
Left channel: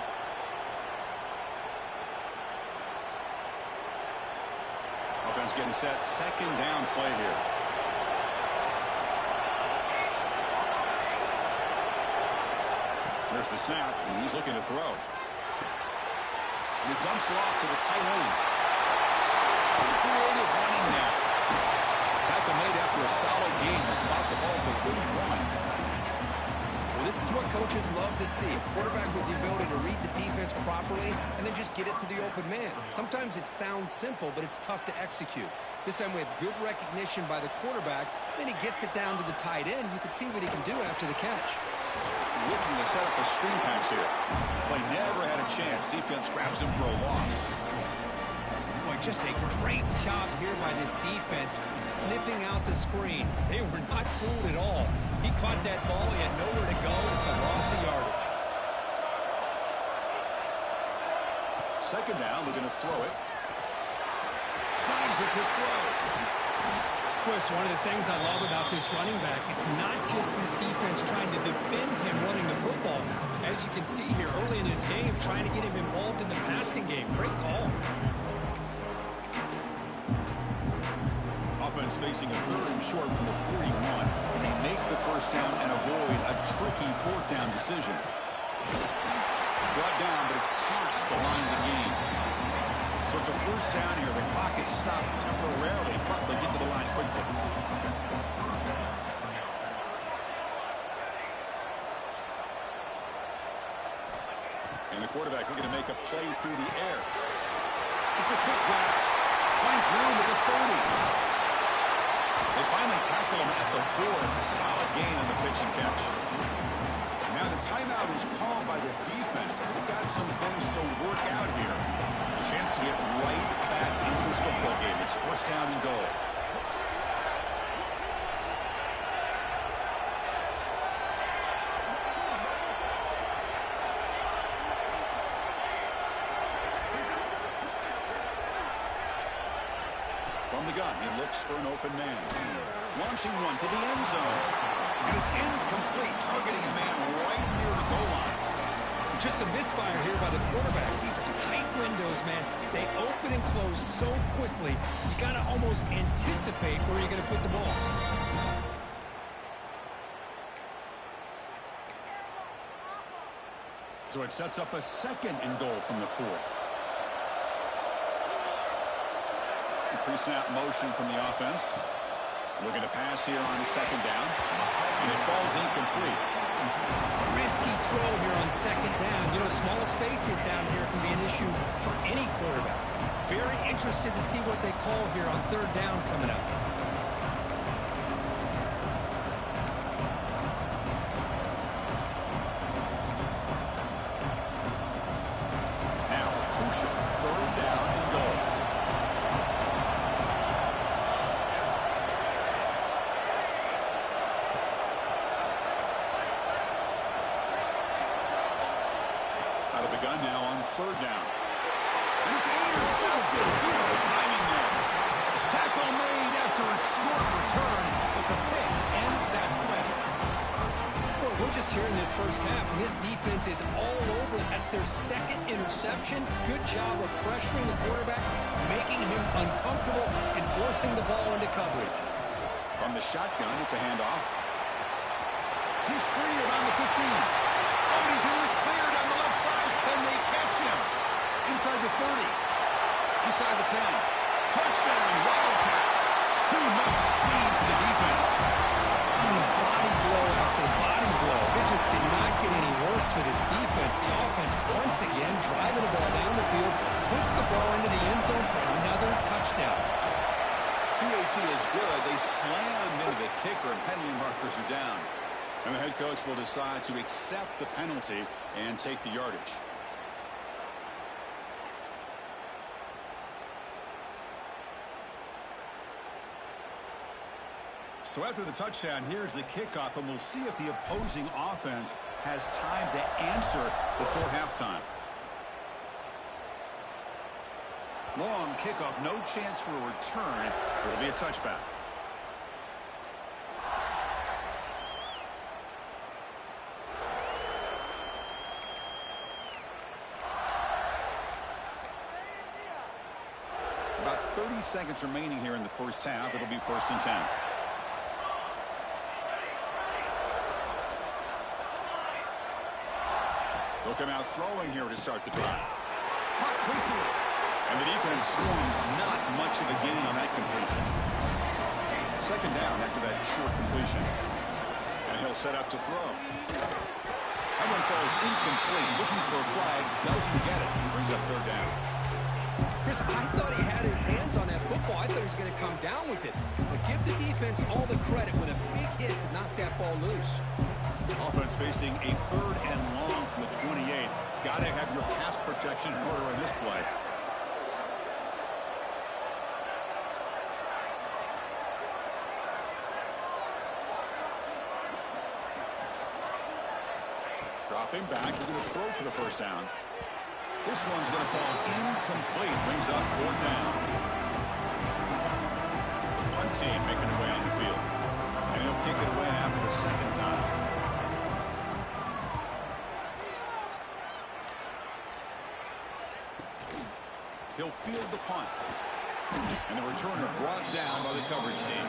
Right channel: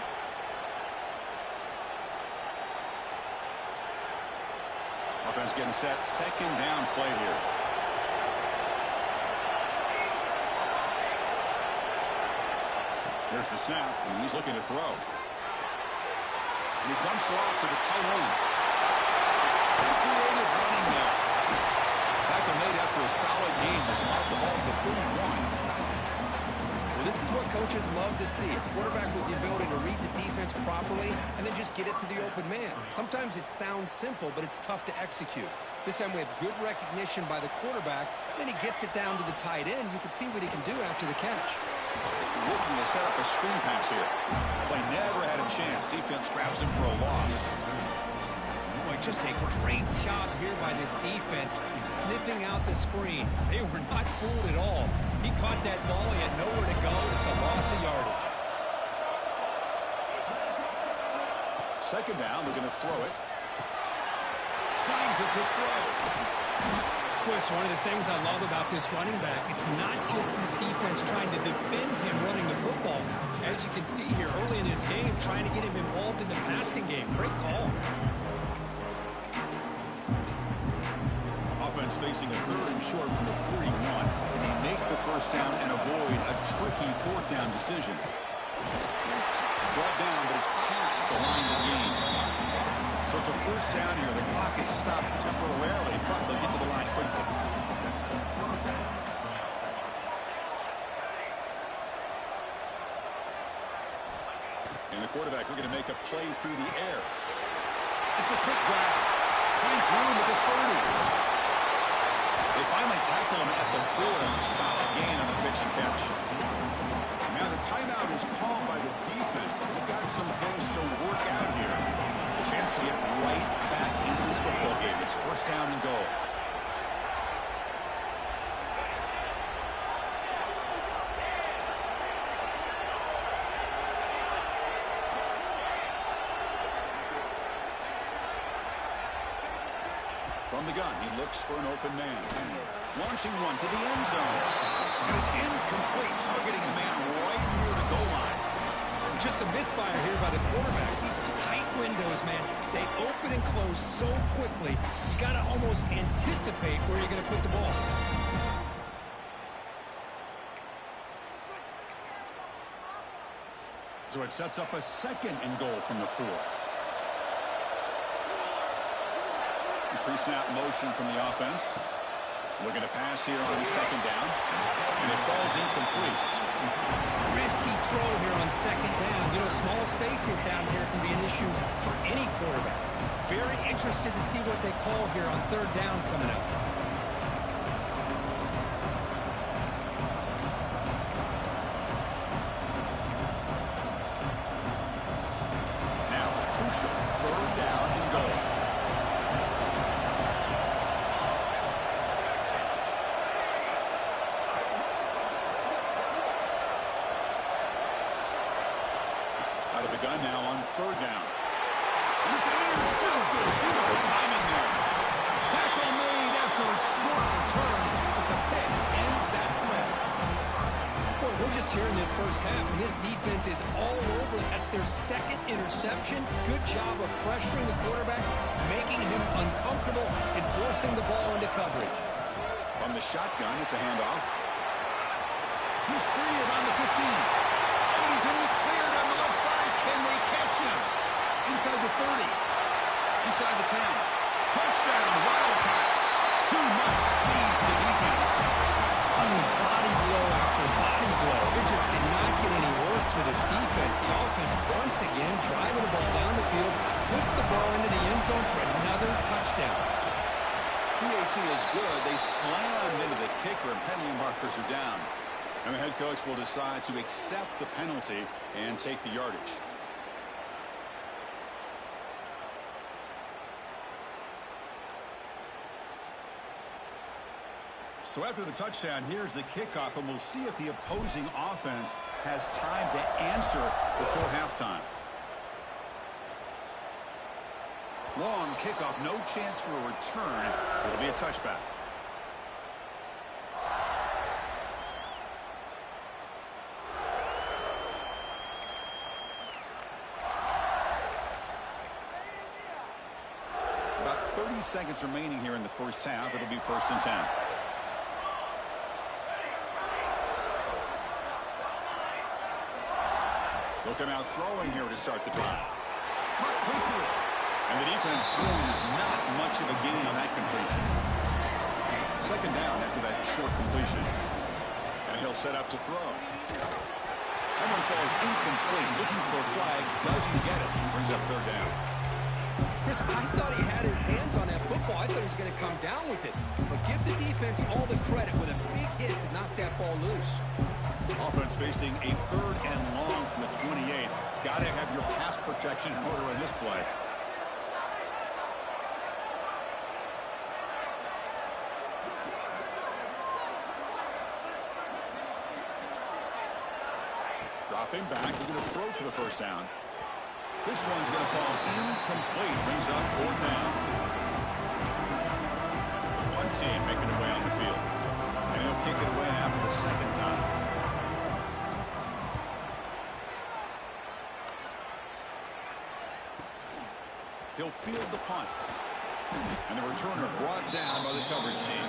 Offense getting set. 2nd down play here. Here's the snap, and he's looking to throw. And he dumps it off to the tight end. Creative running there. Tackle made after a solid gain to spot the ball for 31. Well, this is what coaches love to see. A quarterback with the ability to read the defense properly and then just get it to the open man. Sometimes it sounds simple, but it's tough to execute. This time we have good recognition by the quarterback. Then he gets it down to the tight end. You can see what he can do after the catch. Looking to set up a screen pass here. Play never had a chance. Defense grabs him for a loss. Boy, just a great job here by this defense sniffing out the screen. They were not fooled at all. He caught that ball. He had nowhere to go. It's a loss of yardage. 2nd down, looking to throw it. Slides the quick throw. Chris, one of the things I love about this running back, it's not just this defense trying to defend him running the football. As you can see here early in his game, trying to get him involved in the passing game. Great call. Offense facing a 3rd and short from the 41. Can they make the first down and avoid a tricky 4th down decision? Brought down, but it's past the line to gain. So it's a first down here. The clock is stopped temporarily, but they'll get to the line quickly. And the quarterback looking to make a play through the air. It's a quick grab. Finds room at the 30. They finally tackle him at the 4. It's a solid gain on the pitch and catch. Now the timeout is called by the defense. They've got some things to work out here. A chance to get right back into this football game. It's 1st down and goal. From the gun, he looks for an open man. Launching one to the end zone. And it's incomplete, targeting a man right near the goal line. just a misfire here by the quarterback. These are tight windows, man. They open and close so quickly. You got to almost anticipate where you're going to put the ball. So it sets up a 2nd and goal from the 4. Pre-snap motion from the offense. Looking to pass here on 2nd down. And it falls incomplete. Risky throw here on 2nd down. You know, small spaces down here can be an issue for any quarterback. Very interested to see what they call here on 3rd down coming up. Now, crucial 3rd down and goal. Out of the gun now on 3rd down. And it's intercepted. Beautiful timing there. Tackle made after a short return, but the pick ends that threat. Well, we're just here in this first half, and this defense is all over. That's their 2nd interception. Good job of pressuring the quarterback, making him uncomfortable, and forcing the ball into coverage. From the shotgun, it's a handoff. He's free around the 15. Oh, and he's in the clear down the left side. Can they catch him? Inside the 30. Inside the 10. Touchdown, Wildcats. Too much speed for the defense. I mean, body blow after body blow. It just cannot get any worse for this defense. The offense, once again, driving the ball down the field, puts the ball into the end zone for another touchdown. PAT is good. They slammed into the kicker, and penalty markers are down. And the head coach will decide to accept the penalty and take the yardage. So after the touchdown, here's the kickoff, and we'll see if the opposing offense has time to answer before halftime. Long kickoff, no chance for a return. It'll be a touchback. About 30 seconds remaining here in the first half. It'll be 1st and 10. They'll come out throwing here to start the drive. Caught quickly. And the defense swarms not much of a gain on that completion. 2nd down after that short completion. And he'll set up to throw. That one falls incomplete. Looking for a flag. Doesn't get it. Brings up 3rd down. Chris, I thought he had his hands on that football. I thought he was going to come down with it. But give the defense all the credit with a big hit to knock that ball loose. Offense facing a 3rd and long from the 28. Got to have your pass protection in order in this play. Dropping back, looking to throw for the 1st down. This one's going to fall incomplete. Brings up 4th down. The punt team making their way on the field. And he'll kick it away now for the 2nd time. He'll field the punt. And the returner brought down by the coverage team.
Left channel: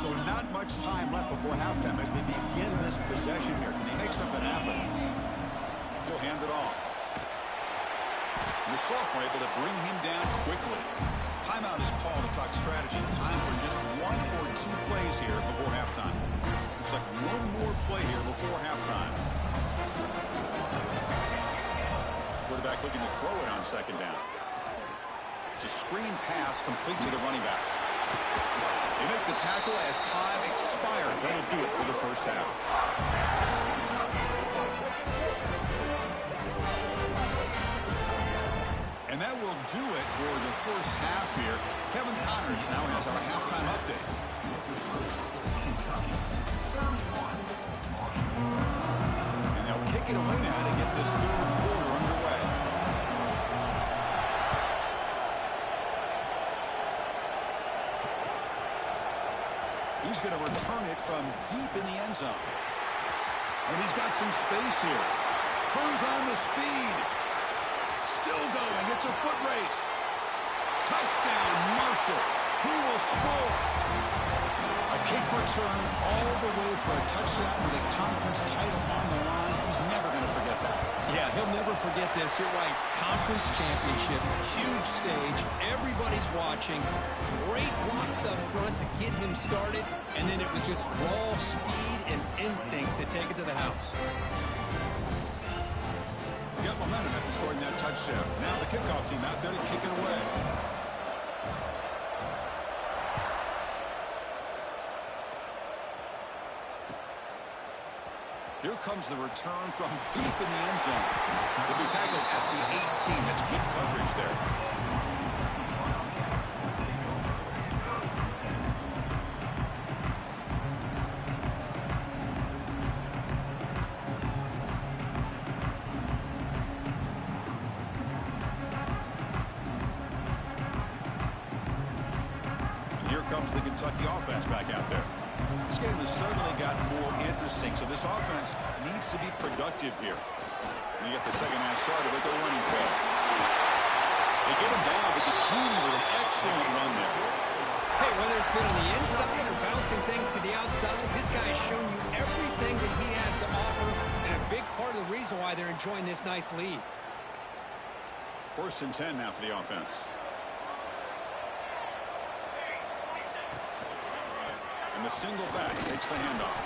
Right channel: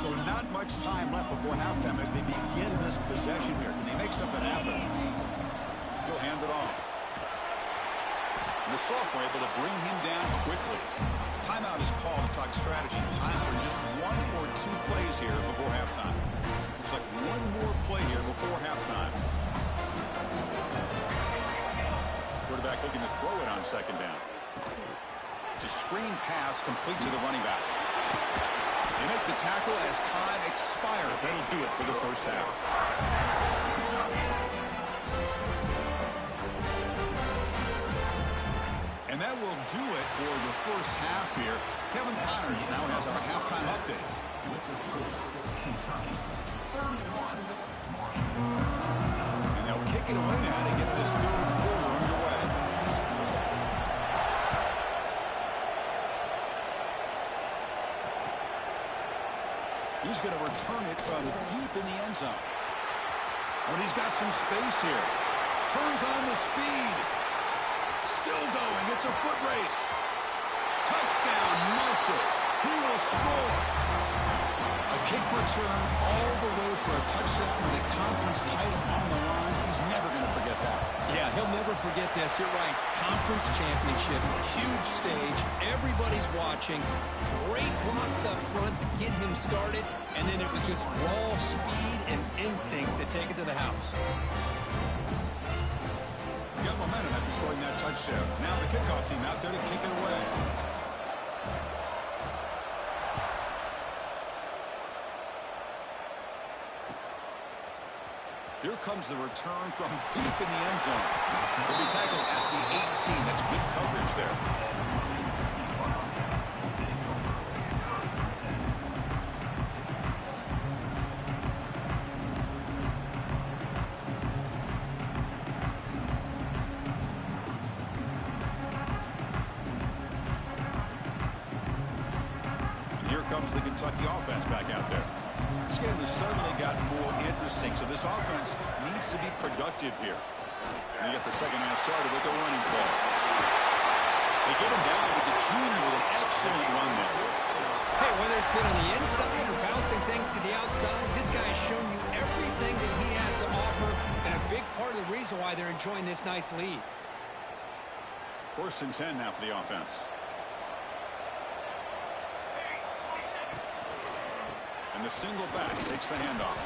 So not much time left before halftime as they begin this possession here. Can they make something happen? He'll hand it off. And the sophomore able to bring him down quickly. Timeout is called to talk strategy. Time for just 1 or 2 plays here before halftime. Looks like one more play here before halftime. Quarterback looking to throw it on 2nd down. It's a screen pass complete to the running back. They make the tackle as time expires. That'll do it for the first half. And that will do it for the first half here. Kevin Connors now has our halftime update. Kentucky, 31, Marshall. And they'll kick it away now to get this third quarter underway. He's going to return it from deep in the end zone. And he's got some space here. Turns on the speed. Still going. It's a foot race. Touchdown, Marshall. He will score. A kick return all the way for a touchdown with a conference title on the line. He's never going to forget that. Yeah, he'll never forget this. You're right. Conference championship, huge stage. Everybody's watching. Great blocks up front to get him started. And then it was just raw speed and instincts to take it to the house. Got momentum after scoring that touchdown. Now the kickoff team out there to kick it away. Here comes the return from deep in the end zone. He'll be tackled at the 18. That's good coverage there. And here comes the Kentucky offense back out there. This game has suddenly gotten more interesting, so this offense needs to be productive here. And you get the second half started with a running play. They get him down, but the junior with an excellent run there. Hey, whether it's been on the inside or bouncing things to the outside, this guy has shown you everything that he has to offer, and a big part of the reason why they're enjoying this nice lead. 1st and 10 now for the offense. And the single back takes the handoff.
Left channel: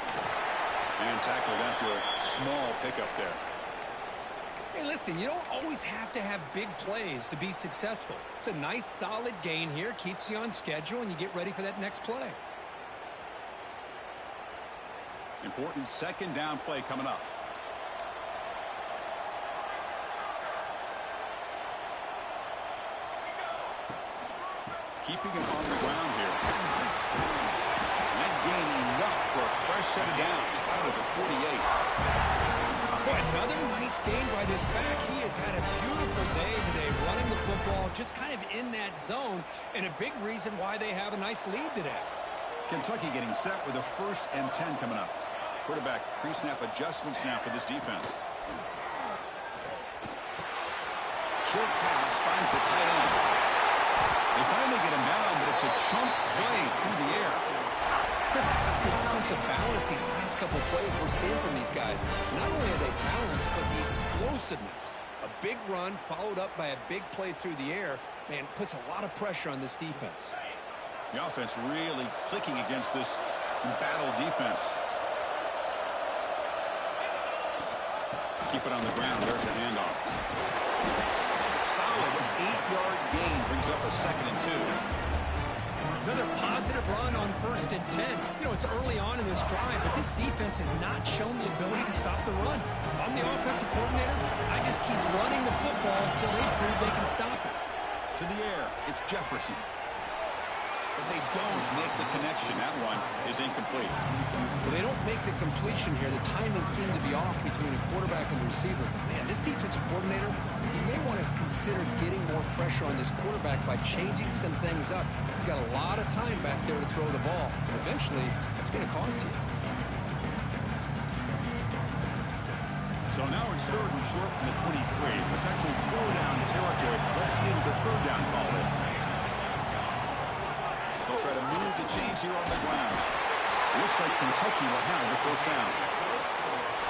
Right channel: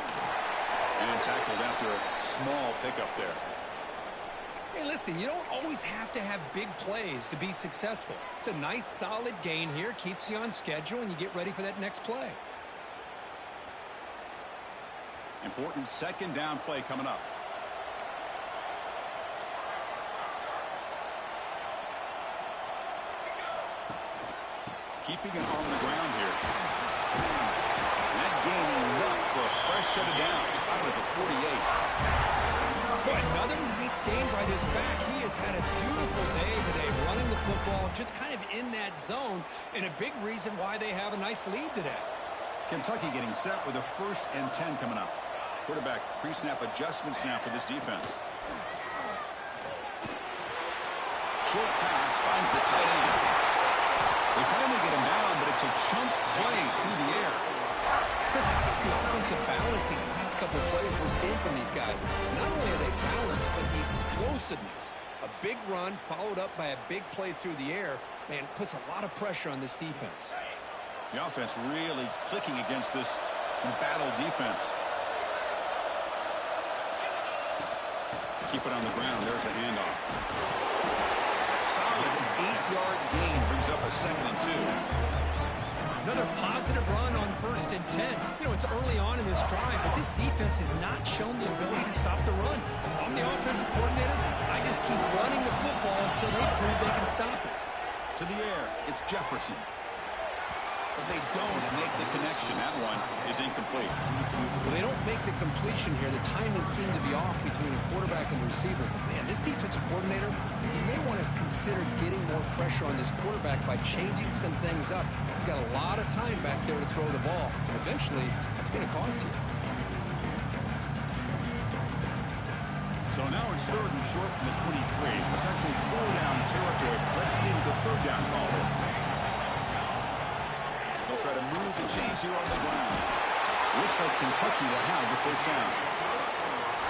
And tackled after a small pickup there. Hey, listen, you don't always have to have big plays to be successful. It's a nice, solid gain here. Keeps you on schedule, and you get ready for that next play. Important second down play coming up. Keeping it on the ground here. That gain enough for a fresh set of downs. Spotted at the 48. Boy, another nice game by this back. He has had a beautiful day today running the football, just kind of in that zone, and a big reason why they have a nice lead today. Kentucky getting set with a 1st and 10 coming up. Quarterback pre-snap adjustments now for this defense. Short pass finds the tight end. They finally get him down, but it's a chunk play through the air. Chris, how about the offensive balance these last couple of plays we're seeing from these guys? Not only are they balanced, but the explosiveness. A big run followed up by a big play through the air, man, puts a lot of pressure on this defense. The offense really clicking against this battle defense. Keep it on the ground. There's the handoff. A solid 8-yard gain brings up a 2nd and 2. Another positive run on 1st and 10. You know, it's early on in this drive, but this defense has not shown the ability to stop the run. If I'm the offensive coordinator, I just keep running the football until they prove they can stop it. To the air, it's Jefferson. But they don't make the connection. That one is incomplete. Well, they don't make the completion here. The timing seemed to be off between a quarterback and the receiver. Man, this defensive coordinator, he may want to consider getting more pressure on this quarterback by changing some things up. You've got a lot of time back there to throw the ball. And eventually, that's going to cost you. So now it's 3rd and short from the 23. Potential 4-down territory. Let's see what the 3rd down call is. They'll try to move the chains here on the ground. Looks like Kentucky will have the 1st down.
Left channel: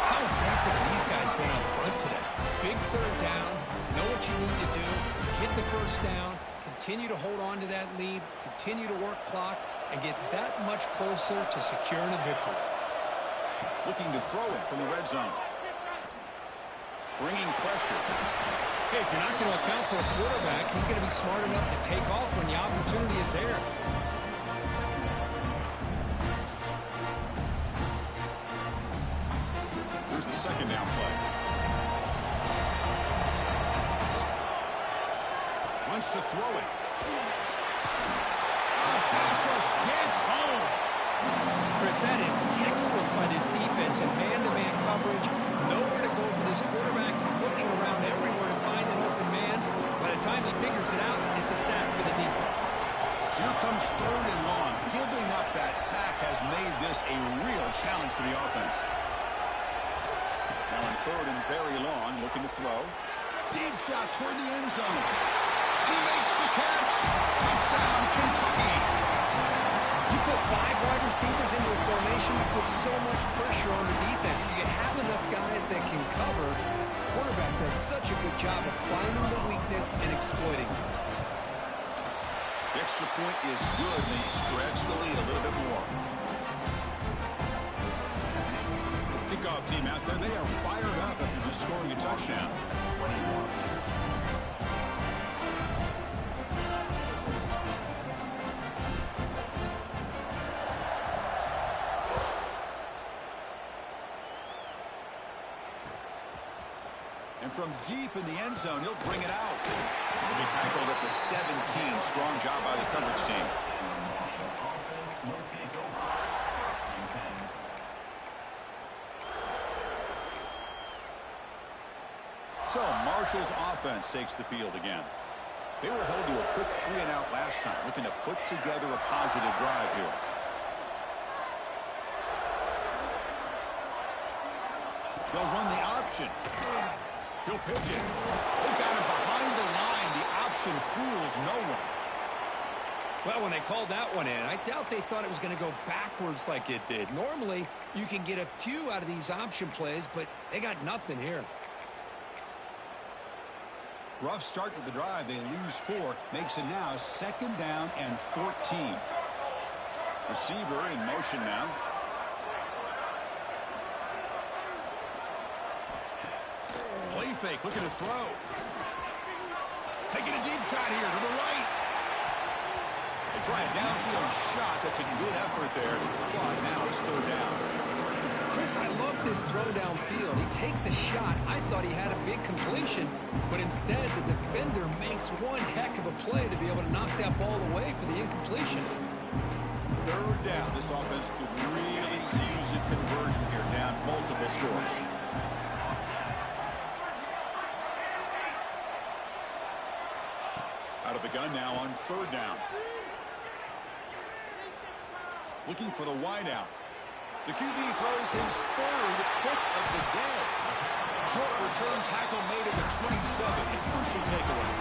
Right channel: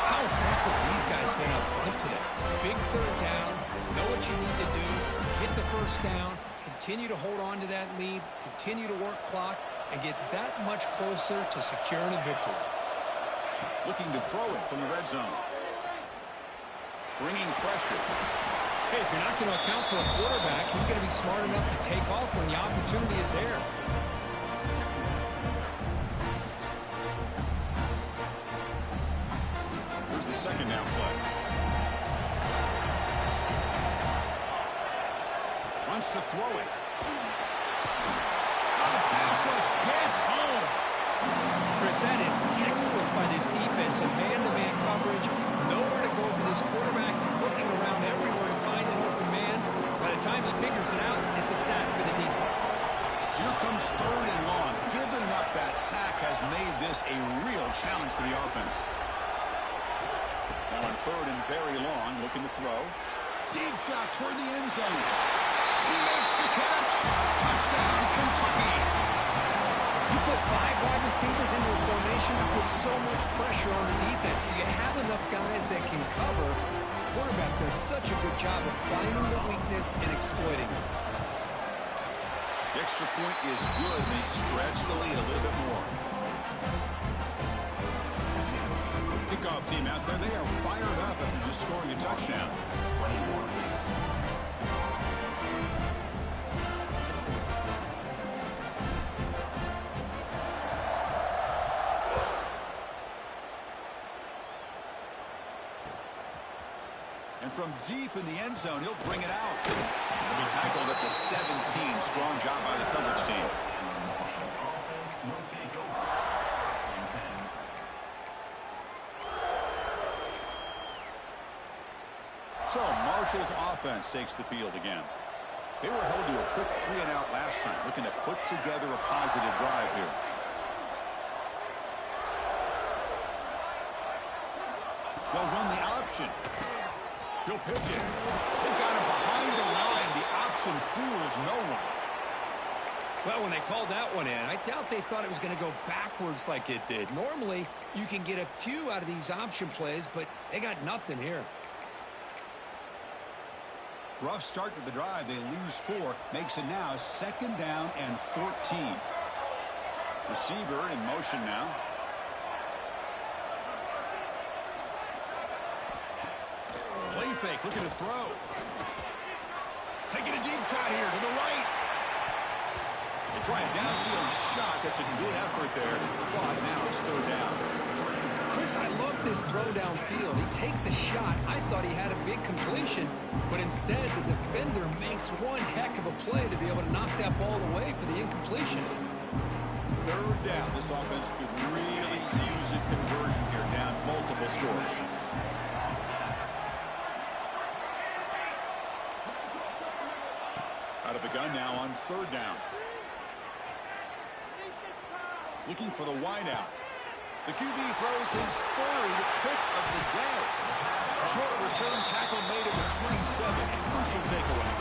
How impressive these guys been up front today. Big 3rd down. Know what you need to do. Get the 1st down. Continue to hold on to that lead. Continue to work clock. And get that much closer to securing a victory. Looking to throw it from the red zone. Bringing pressure. Hey, if you're not going to account for a quarterback, he's going to be smart enough to take off when the opportunity is there. Here's the 2nd down play. Wants to throw it. The pass rush gets home. Chris, that is textbook by this defense and man-to-man coverage. Nowhere to go for this quarterback. He's looking around everywhere to find an open man. By the time he figures it out, it's a sack for the defense. So here comes 3rd and long. Giving up that sack has made this a real challenge for the offense. Now on 3rd and very long, looking to throw. Deep shot toward the end zone. He makes the catch. Touchdown, Kentucky. You put 5 wide receivers into a formation to put so much pressure on the defense. Do you have enough guys that can cover? Quarterback does such a good job of finding the weakness and exploiting it. The extra point is good, and they stretch the lead a little bit more. Kickoff team out there, they are fired up after just scoring a touchdown. 21. And from deep in the end zone, he'll bring it out. He'll be tackled at the 17. Strong job by the coverage team. Offense will take over. 10. So Marshall's offense takes the field again. They were held to a quick 3-and-out last time, looking to put together a positive drive here. They'll run the option. He'll pitch it. They've got him behind the line. The option fools no one. Well, when they called that one in, I doubt they thought it was going to go backwards like it did. Normally, you can get a few out of these option plays, but they got nothing here. Rough start to the drive. They lose 4. Makes it now 2nd down and 14. Receiver in motion now. Play fake, looking to throw. Taking a deep shot here to the right. They try a downfield shot. That's a good effort there. But now it's 3rd down. Chris, I love this throw downfield. He takes a shot. I thought he had a big completion, but instead the defender makes one heck of a play to be able to knock that ball away for the incompletion. 3rd down. This offense could really use a conversion here, down multiple scores. Out of the gun now on 3rd down. Looking for the wideout. The QB throws his 3rd pick of the day. Short return tackle made at the 27. A crucial takeaway.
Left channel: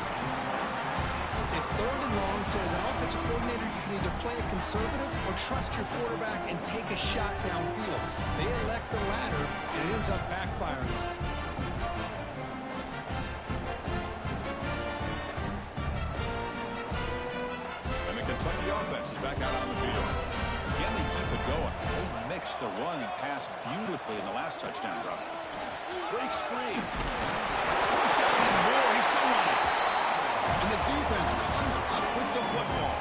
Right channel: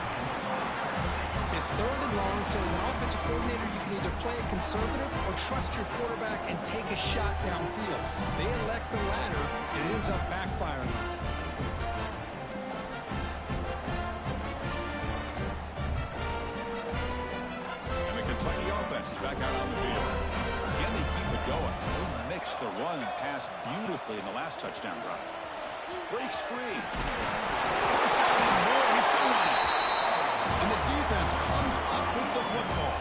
It's 3rd and long, so as an offensive coordinator, you can either play it conservative or trust your quarterback and take a shot downfield. They elect the latter, and it ends up backfiring on them. Kentucky offense is back out on the field. Can they keep it going? They mixed the run and pass beautifully in the last touchdown drive. Breaks free. First down and more. He's still running. And the defense comes up with the football.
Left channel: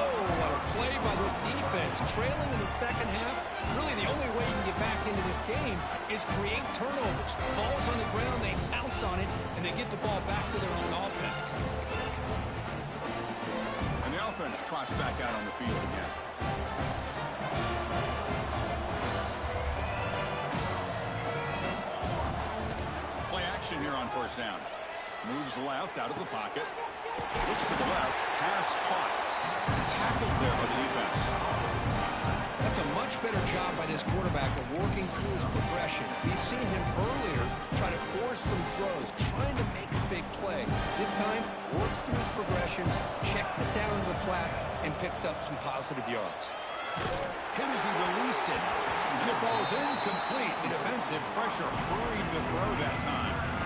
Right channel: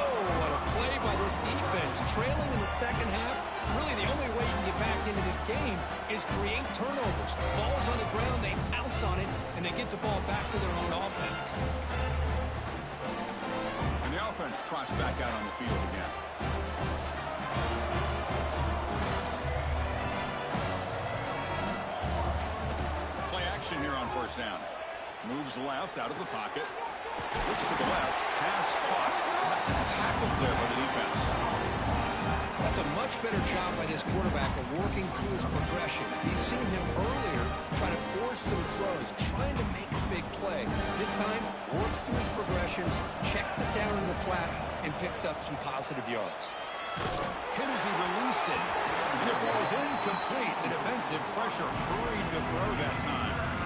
Oh, what a play by this defense. Trailing in the 2nd half. Really, the only way you can get back into this game is create turnovers. Ball's on the ground, they pounce on it, and they get the ball back to their own offense. And the offense trots back out on the field again. Play action here on 1st down. Moves left out of the pocket. Looks to the left. Pass caught. Tackled there by the defense. That's a much better job by this quarterback of working through his progressions. We've seen him earlier try to force some throws, trying to make a big play. This time, works through his progressions, checks it down in the flat, and picks up some positive yards. Hit as he released it. And it falls incomplete. The defensive pressure hurried the throw that time.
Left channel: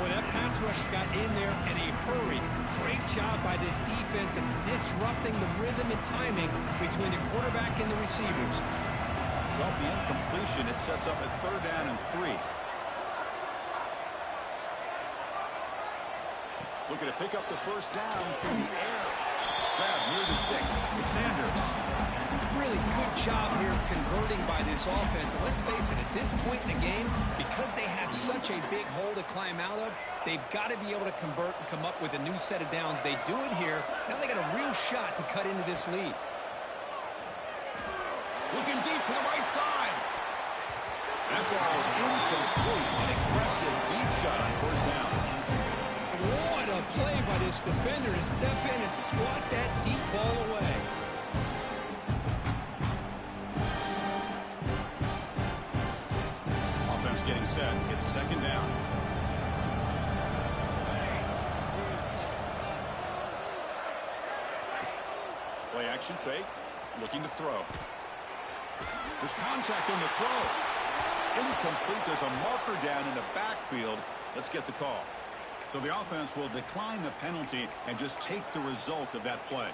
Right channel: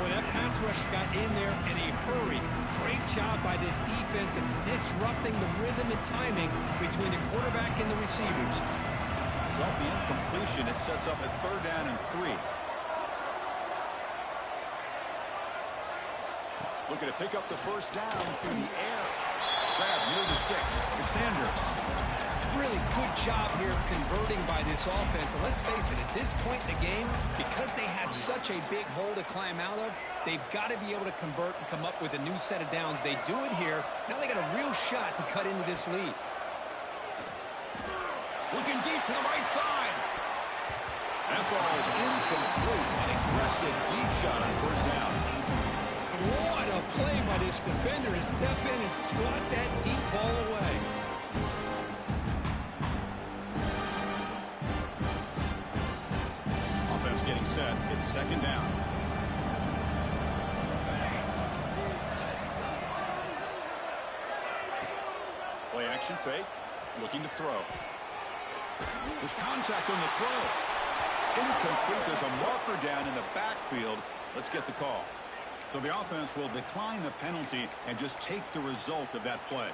Well, that pass rush got in there in a hurry. Great job by this defense of disrupting the rhythm and timing between the quarterback and the receivers. So off the incompletion, it sets up a 3rd down and 3. Looking to pick up the 1st down through the air. Grab near the sticks. It's Sanders. Really good job here of converting by this offense. And let's face it, at this point in the game, because they have such a big hole to climb out of, they've got to be able to convert and come up with a new set of downs. They do it here. Now they got a real shot to cut into this lead. Looking deep to the right side. That ball is incomplete. An aggressive deep shot on first down. What a play by this defender to step in and swat that deep ball away. Offense getting set. It's second down. Play action fake. Looking to throw. There's contact on the throw. Incomplete. There's a marker down in the backfield. Let's get the call. So the offense will decline the penalty and just take the result of that play.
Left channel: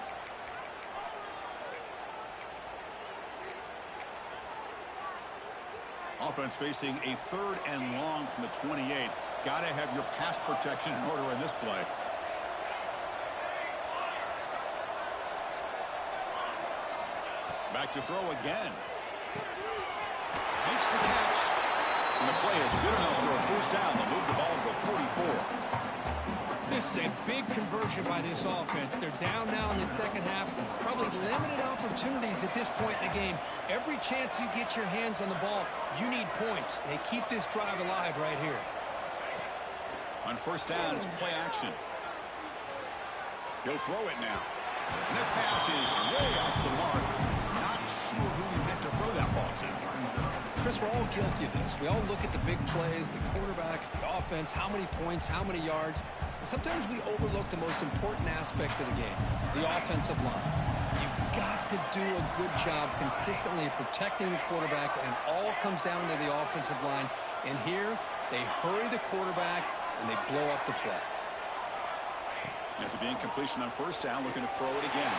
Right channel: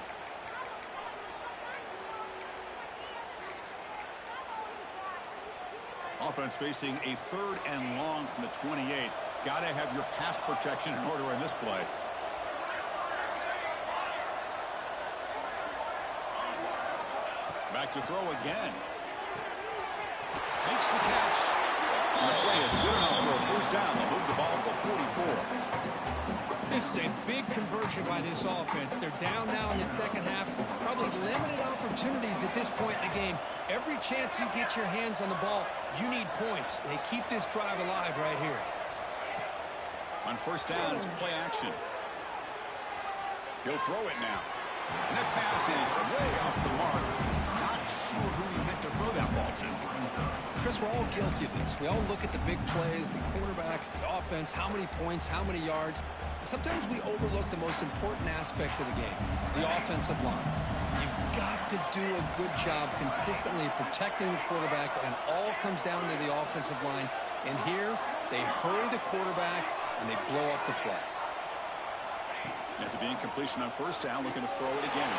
Offense facing a 3rd and long from the 28. Got to have your pass protection in order in this play. Back to throw again. Makes the catch. And the play is good enough for a first down. They'll move the ball to the 44. This is a big conversion by this offense. They're down now in the second half. Probably limited opportunities at this point in the game. Every chance you get your hands on the ball, you need points. They keep this drive alive right here. On first down, it's play action. He'll throw it now. And that pass is way off the mark. Not sure who he meant to throw that ball to. Chris, we're all guilty of this. We all look at the big plays, the quarterbacks, the offense, how many points, how many yards. And sometimes we overlook the most important aspect of the game, the offensive line. You've got to do a good job consistently protecting the quarterback, and it all comes down to the offensive line. And here, they hurry the quarterback, and they blow up the play. After the incompletion on first down, looking to throw it again.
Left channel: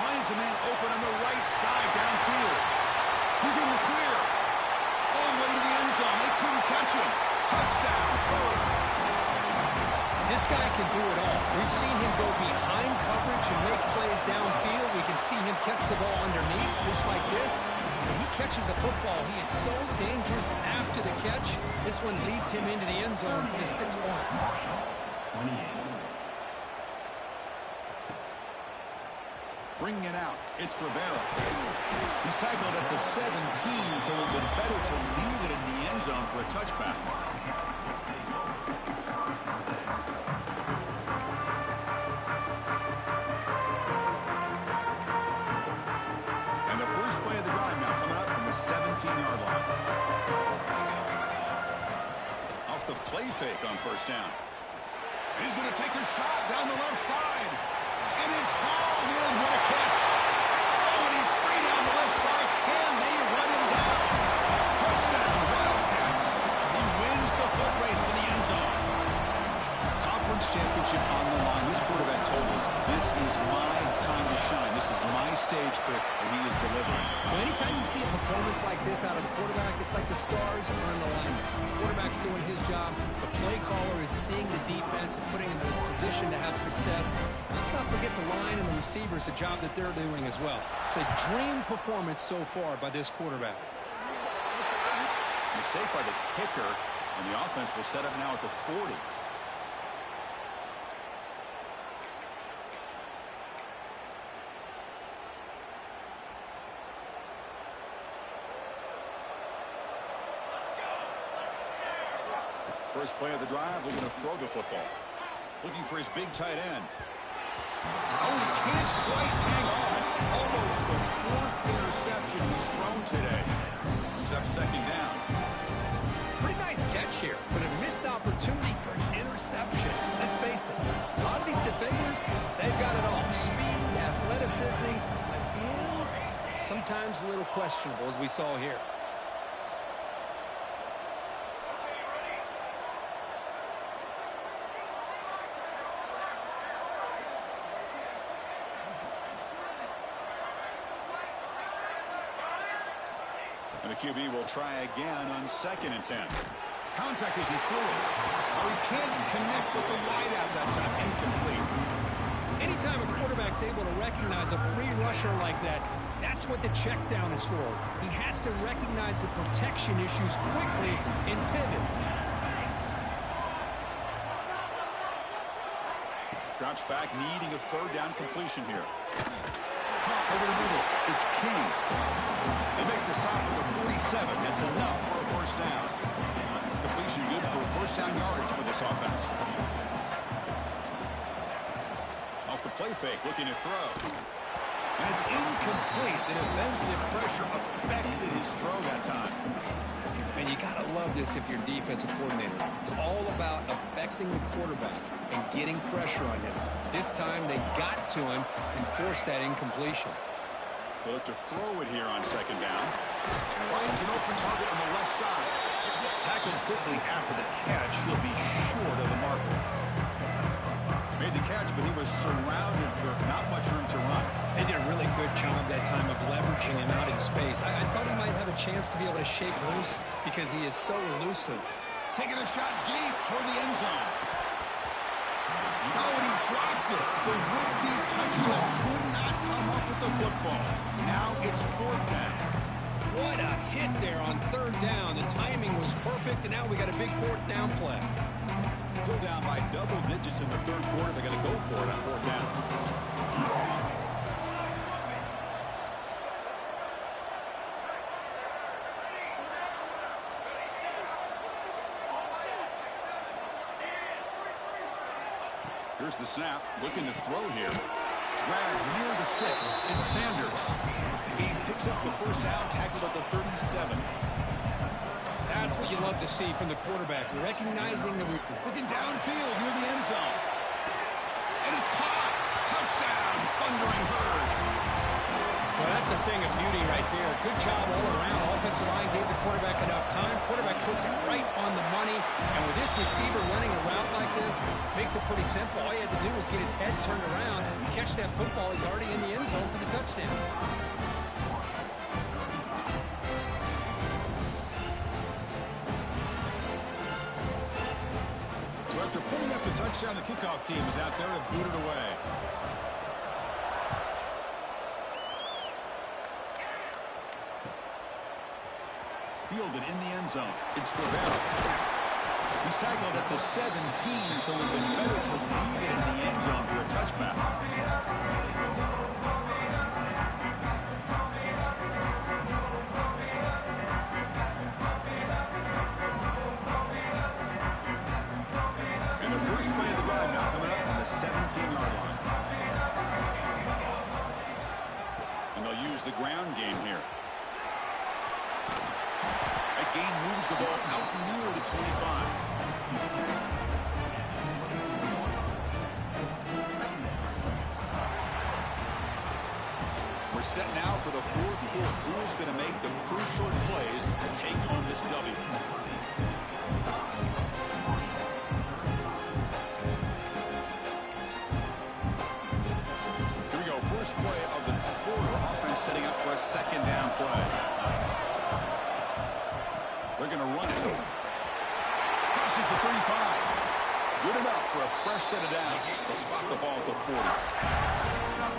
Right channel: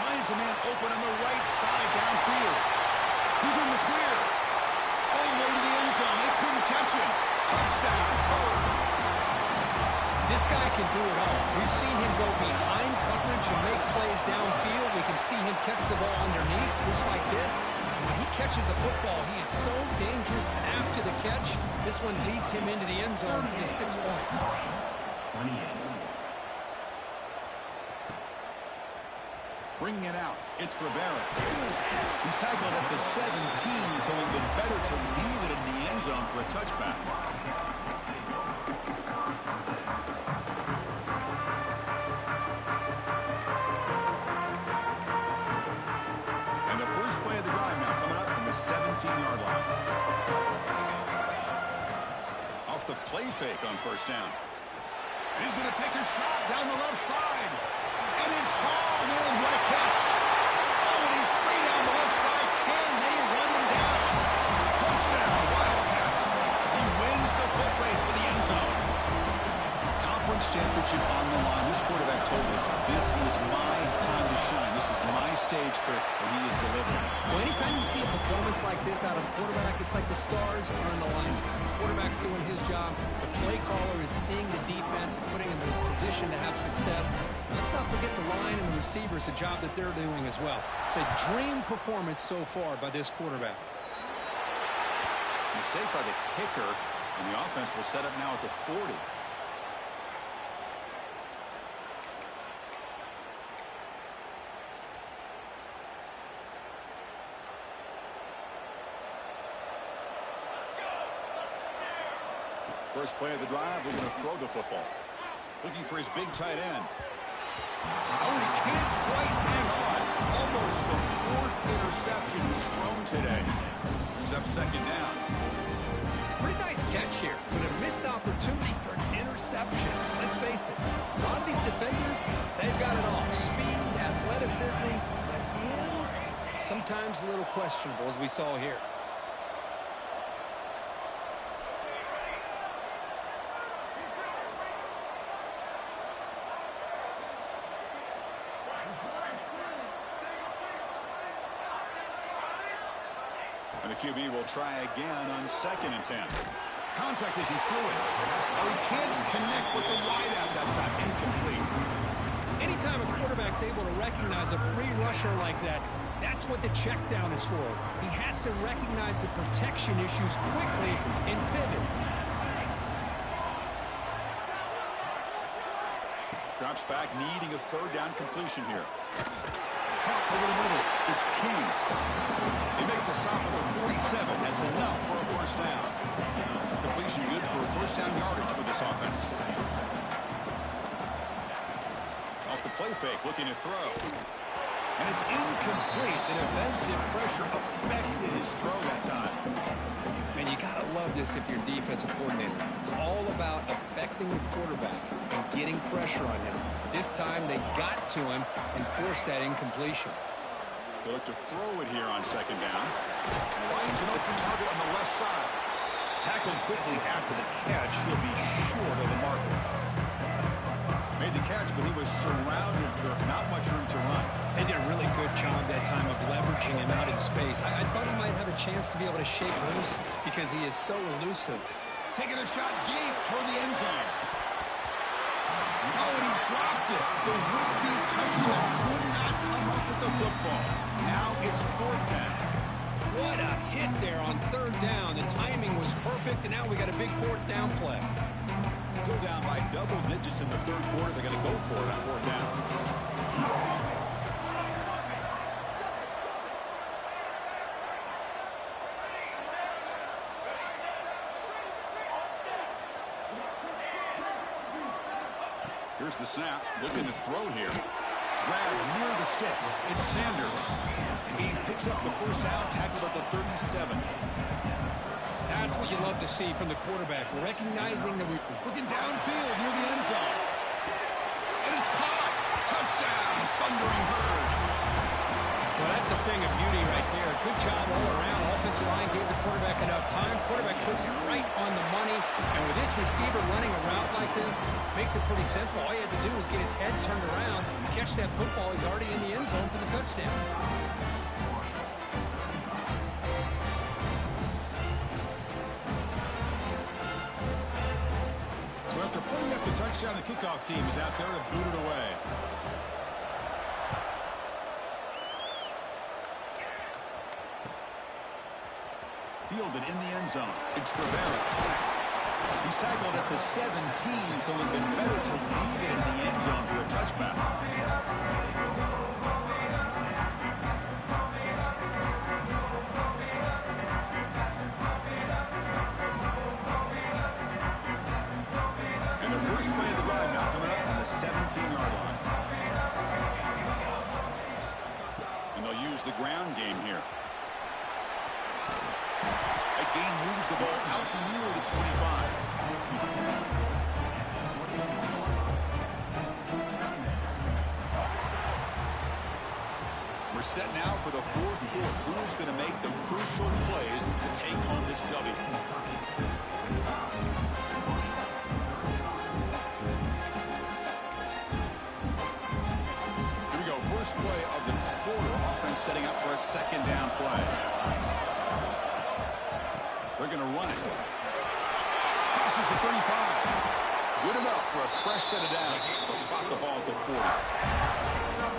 Finds a man open on the right side downfield. He's in the clear. All the way to the end zone. They couldn't catch him. Touchdown. This guy can do it all. We've seen him go behind coverage and make plays downfield. We can see him catch the ball underneath just like this. When he catches a football, he is so dangerous after the catch. This one leads him into the end zone for the 6 points. 28. Bringing it out, it's Rivera. He's tackled at the 17, so it would have been better to leave it in the end zone for a touchback. And the first play of the drive now coming up from the 17-yard line. Off the play fake on first down. And he's going to take a shot down the left side. And it's hauled in. What a catch. Oh, and he's free down the left side. Can they run him down? Touchdown, Wildcats. He wins the foot race to the end zone. Conference championship on the line. This quarterback told us, this is my time to shine. This is my stage, Kirk, and he is delivering. Well, anytime you see a performance like this out of a quarterback, it's like the stars are in alignment. The quarterback's doing his job. The play caller is seeing the defense and putting him in a position to have success. Let's not forget the line and the receivers, the job that they're doing as well. It's a dream performance so far by this quarterback. Mistake by the kicker, and the offense will set up now at the 40. First play of the drive, looking to throw the football. Looking for his big tight end. Oh, and he can't quite hang on. Almost the 4th interception he's thrown today. Brings up second down. Pretty nice catch here, but a missed opportunity for an interception. Let's face it, a lot of these defenders, they've got it all. Speed, athleticism, but hands, sometimes a little questionable, as we saw here. And the QB will try again on 2nd and 10. Contact as he threw it. Oh, he can't connect with the wideout that time. Incomplete. Anytime a quarterback's able to recognize a free rusher like that, That's what the check down is for. He has to recognize the protection issues quickly and pivot. Drops back, needing a third down completion here. Caught over the middle. It's King. They make the stop at the 47. That's enough for a first down. Completion good for first down yardage for this offense. Off the play fake, looking to throw. And it's incomplete. The defensive pressure affected his throw that time. And you got to love this if you're a defensive coordinator. It's all about affecting the quarterback and getting pressure on him. This time they got to him and forced that incompletion. They look to throw it here on second down. Finds an open target on the left side. Tackled quickly after the catch. He'll be short of the marker. Made the catch, but he was surrounded for not much room to run. They did a really good job that time of leveraging him out in space. I thought he might have a chance to be able to shake loose because he is so elusive. Taking a shot deep toward the end zone. Oh, and he dropped it. The would-be touchdown could not come up with the football. Now it's fourth down. What a hit there on third down. The timing was perfect, and now we got a big fourth down play. Still down by double digits in the third quarter. They're going to go for it on fourth down. Here's the snap. Looking to throw here. Grab near the sticks. It's Sanders. The game picks up the first down, tackled at the 37. That's what you love to see from the quarterback, recognizing the... Looking downfield near the end zone. And it's caught. Touchdown, Thundering Herd. Well, that's a thing of beauty right there. Good job all around. Offensive line gave the quarterback enough time. Quarterback puts it right on the money. And with this receiver running a route like this, makes it pretty simple. All he had to do was get his head turned around, catch that football. He's already in the end zone for the touchdown. So after pulling up the touchdown, the kickoff team is out there to boot it away. Fielded in the end zone. It's Rivera. He's tackled at the 17, so it would have been better to leave it in the end zone for a touchback. And the first play of the drive now coming up on the 17-yard line. And they'll use the ground game here. That gain moves the ball out near the 25. We're set now for the fourth quarter. Who's going to make the crucial plays to take home this W? Here we go. First play of the quarter. Offense setting up for a second down play. They're going to run it. Crosses the 35. Good enough for a fresh set of downs. They'll spot the ball at the 40.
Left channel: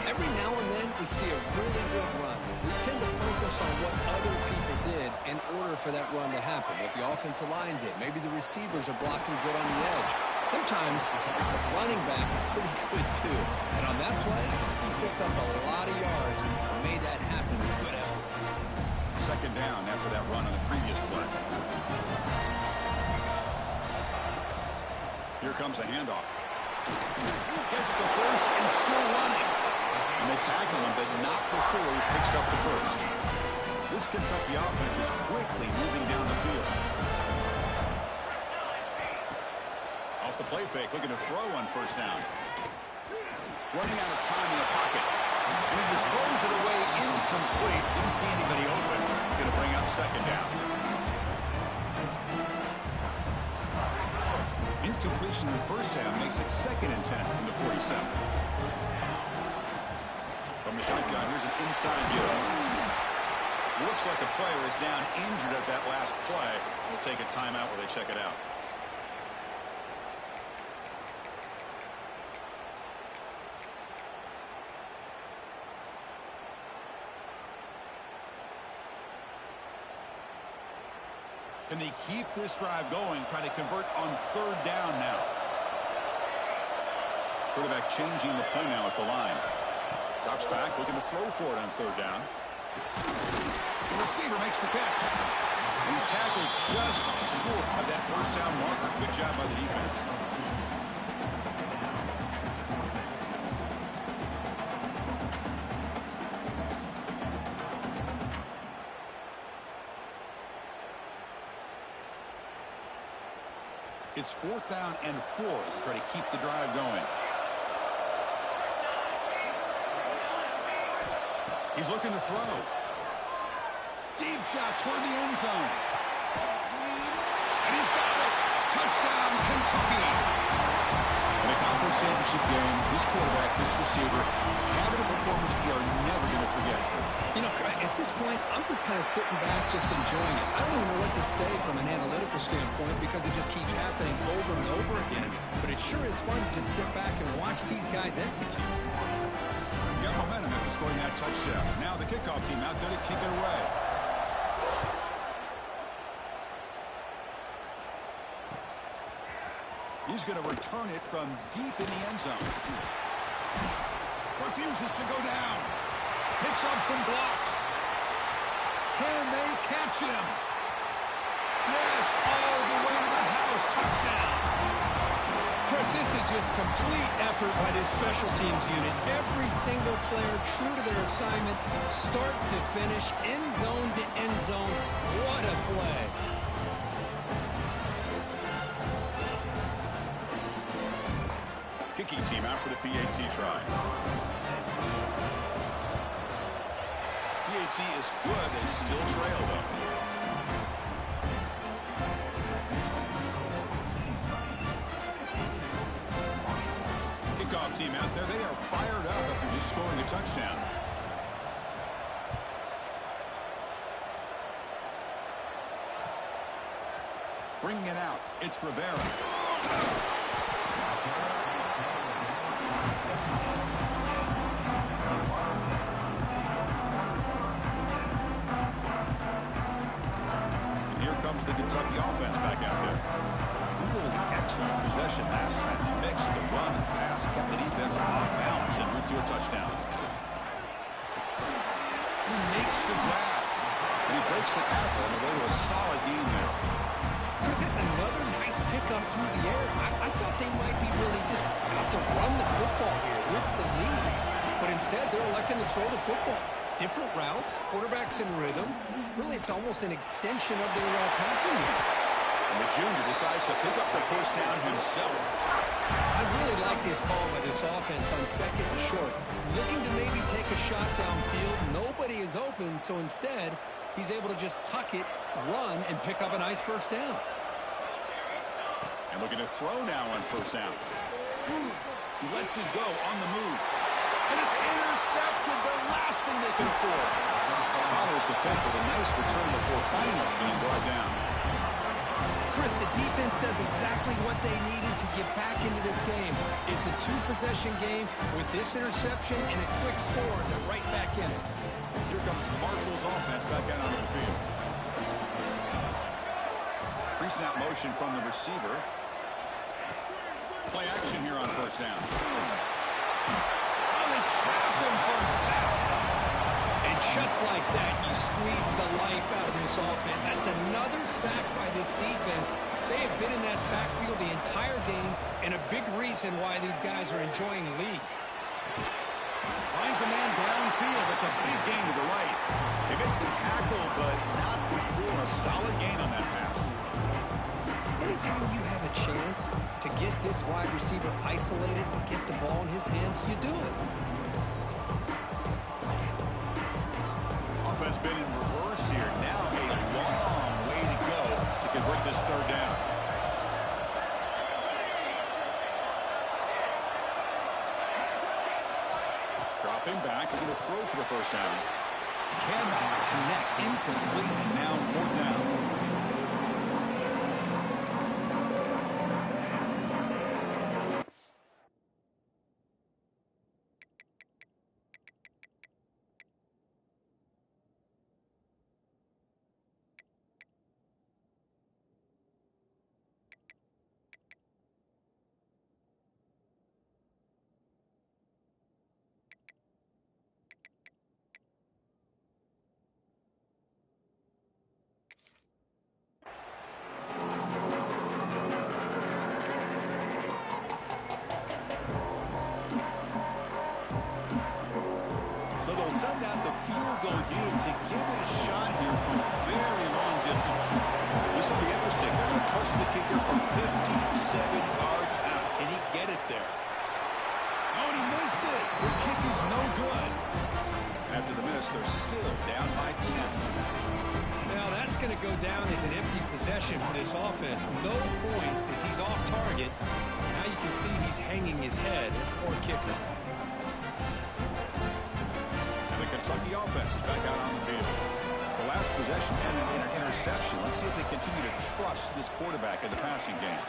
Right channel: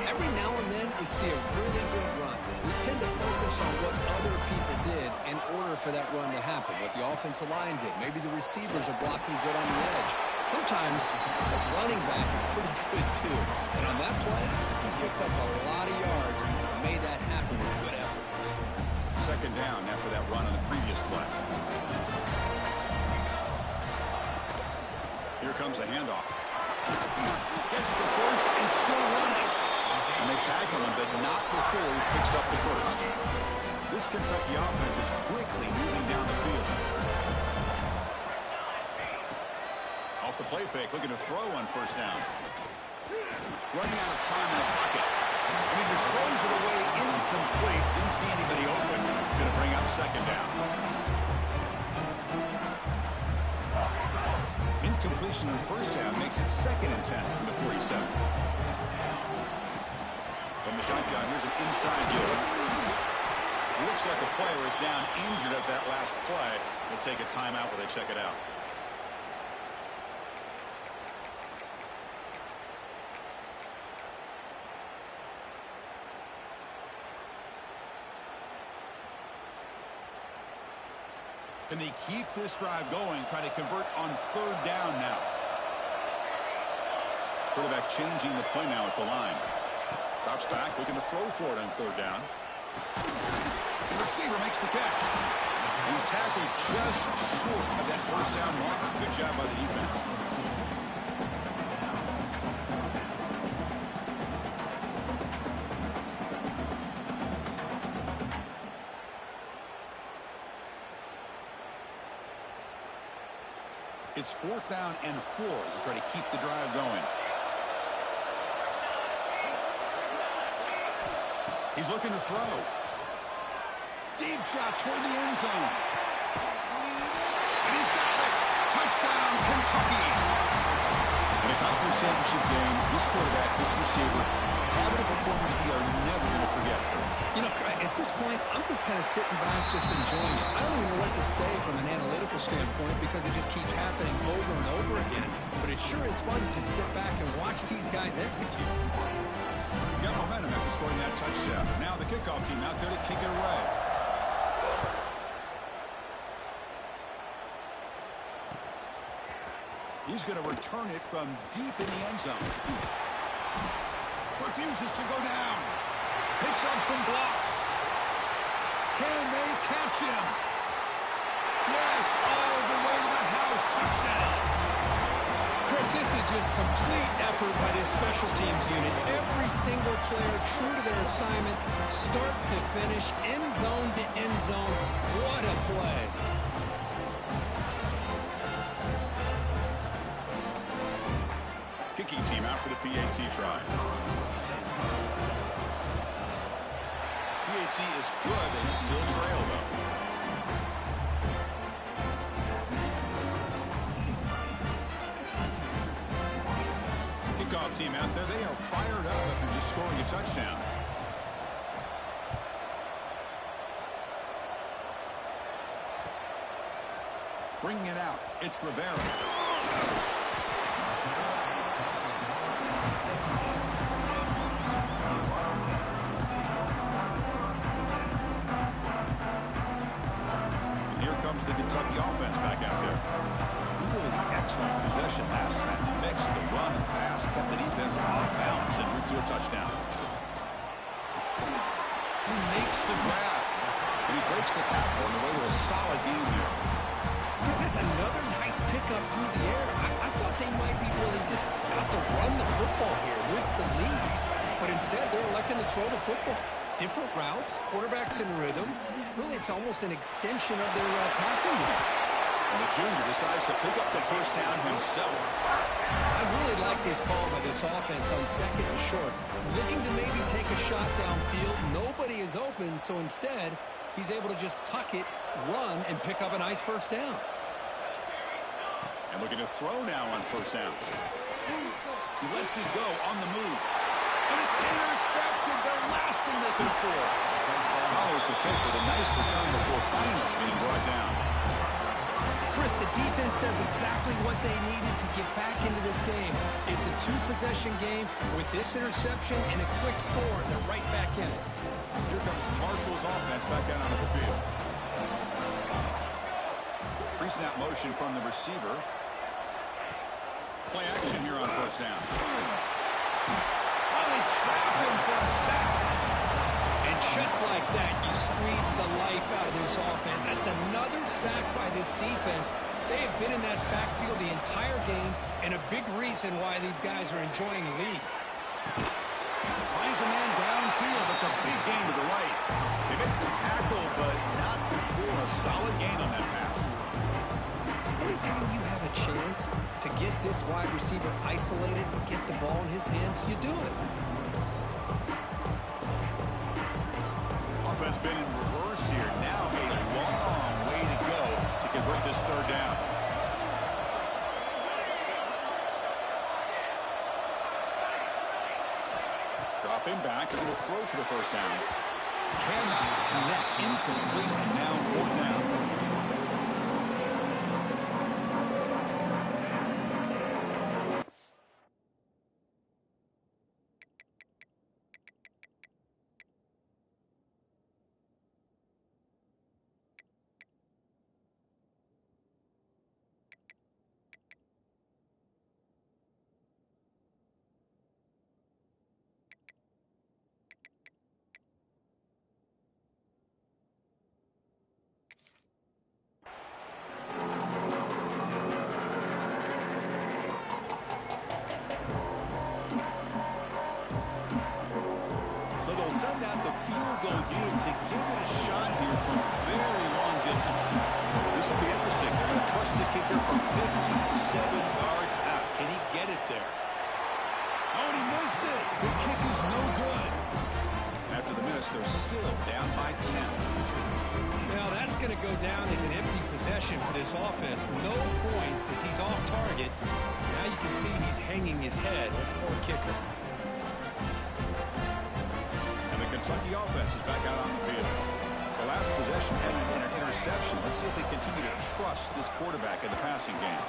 Every now and then we see a really good run. We tend to focus on what other people did in order for that run to happen, what the offensive line did. Maybe the receivers are blocking good on the edge. Sometimes the running back is pretty good too. And on that play, he picked up a lot of yards and made that happen with good effort. Second down after that run on the previous play. Here comes a handoff. Gets the first and still running. And they tackle him, but not before he picks up the first. This Kentucky offense is quickly moving down the field. Off the play fake, looking to throw on first down. Running out of time in the pocket. And he just throws it away incomplete. Didn't see anybody open. Going to bring up second down. Incompletion on first down makes it 2nd and 10 from the 47. From the shotgun, here's an inside give. Looks like a player is down injured at that last play. We'll take a timeout while they check it out. Can they keep this drive going, try to convert on third down now? Quarterback changing the play now at the line. Drops back, looking to throw for it on third down. The receiver makes the catch. And he's tackled just short of that first down marker. Good job by the defense. It's 4th down and 4 as they try to keep the drive going. He's looking to throw. Deep shot toward the end zone. And he's got it. Touchdown, Kentucky. In a conference championship game, this quarterback, this receiver, having a performance we are never going to forget. You know, at this point, I'm just kind of sitting back, just enjoying it. I don't even know what to say from an analytical standpoint because it just keeps happening over and over again. But it sure is fun to just sit back and watch these guys execute. Got momentum after scoring that touchdown. Now the kickoff team out there to kick it away. He's going to return it from deep in the end zone. Refuses to go down. Picks up some blocks. Can they catch him? Yes, all the way to the house. Touchdown. Chris, this is just complete effort by this special teams unit. Every single player true to their assignment, start to finish, end zone to end zone. What a play. Kicking team out for the PAT try. PAT is good. They still trail, though. Kickoff team out there. They are fired up after just scoring a touchdown. Bringing it out. It's Rivera. The Kentucky offense back out there. Really excellent possession last time. They mixed the run and pass, kept the defense off balance en route to a touchdown. He makes the grab, and he breaks the tackle on the way to a solid gain there. Chris, that's another nice pickup through the air. I thought they might be really just out to run the football here with the lead, but instead they're electing to throw the football. Different routes, quarterbacks in rhythm. Really, it's almost an extension of their passing game. And the junior decides to pick up the first down himself. I really like this call by this offense on 2nd and short. Looking to maybe take a shot downfield. Nobody is open, so instead, he's able to just tuck it, run, and pick up a nice first down. And looking to throw now on first down. He lets it go on the move. And it's intercepted, the last thing they could afford. Follows the pick with a nice return before finally being brought down. Chris, the defense does exactly what they needed to get back into this game. It's a 2-possession game. With this interception and a quick score, they're right back in it. Here comes Marshall's offense back out onto the field. Pre-snap motion from the receiver. Play action here on first down. They trap him for a sack. And just like that, you squeeze the life out of this offense. That's another sack by this defense. They have been in that backfield the entire game, and a big reason why these guys are enjoying the lead. Finds a man downfield. That's a big gain to the right. They make the tackle, but not before a solid gain on that pass. Anytime you have a chance to get this wide receiver isolated and get the ball in his hands, you do it. Offense been in reverse here. Now a long way to go to convert this third down. Dropping back, they're going to throw for the first down. Cannot connect, incomplete, and now 4th down. So they'll send out the field goal unit to give it a shot here from very long distance. This will be interesting. They're going to trust the kicker from 57 yards out. Can he get it there? Oh, and he missed it. The kick is no good. After the miss, they're still down by 10. Now that's going to go down as an empty possession for this offense. No points as he's off target. Now you can see he's hanging his head. Poor kicker. And the Kentucky offense is back out on the field. The last possession ended in an interception. Let's see if they continue to trust this quarterback in the passing game.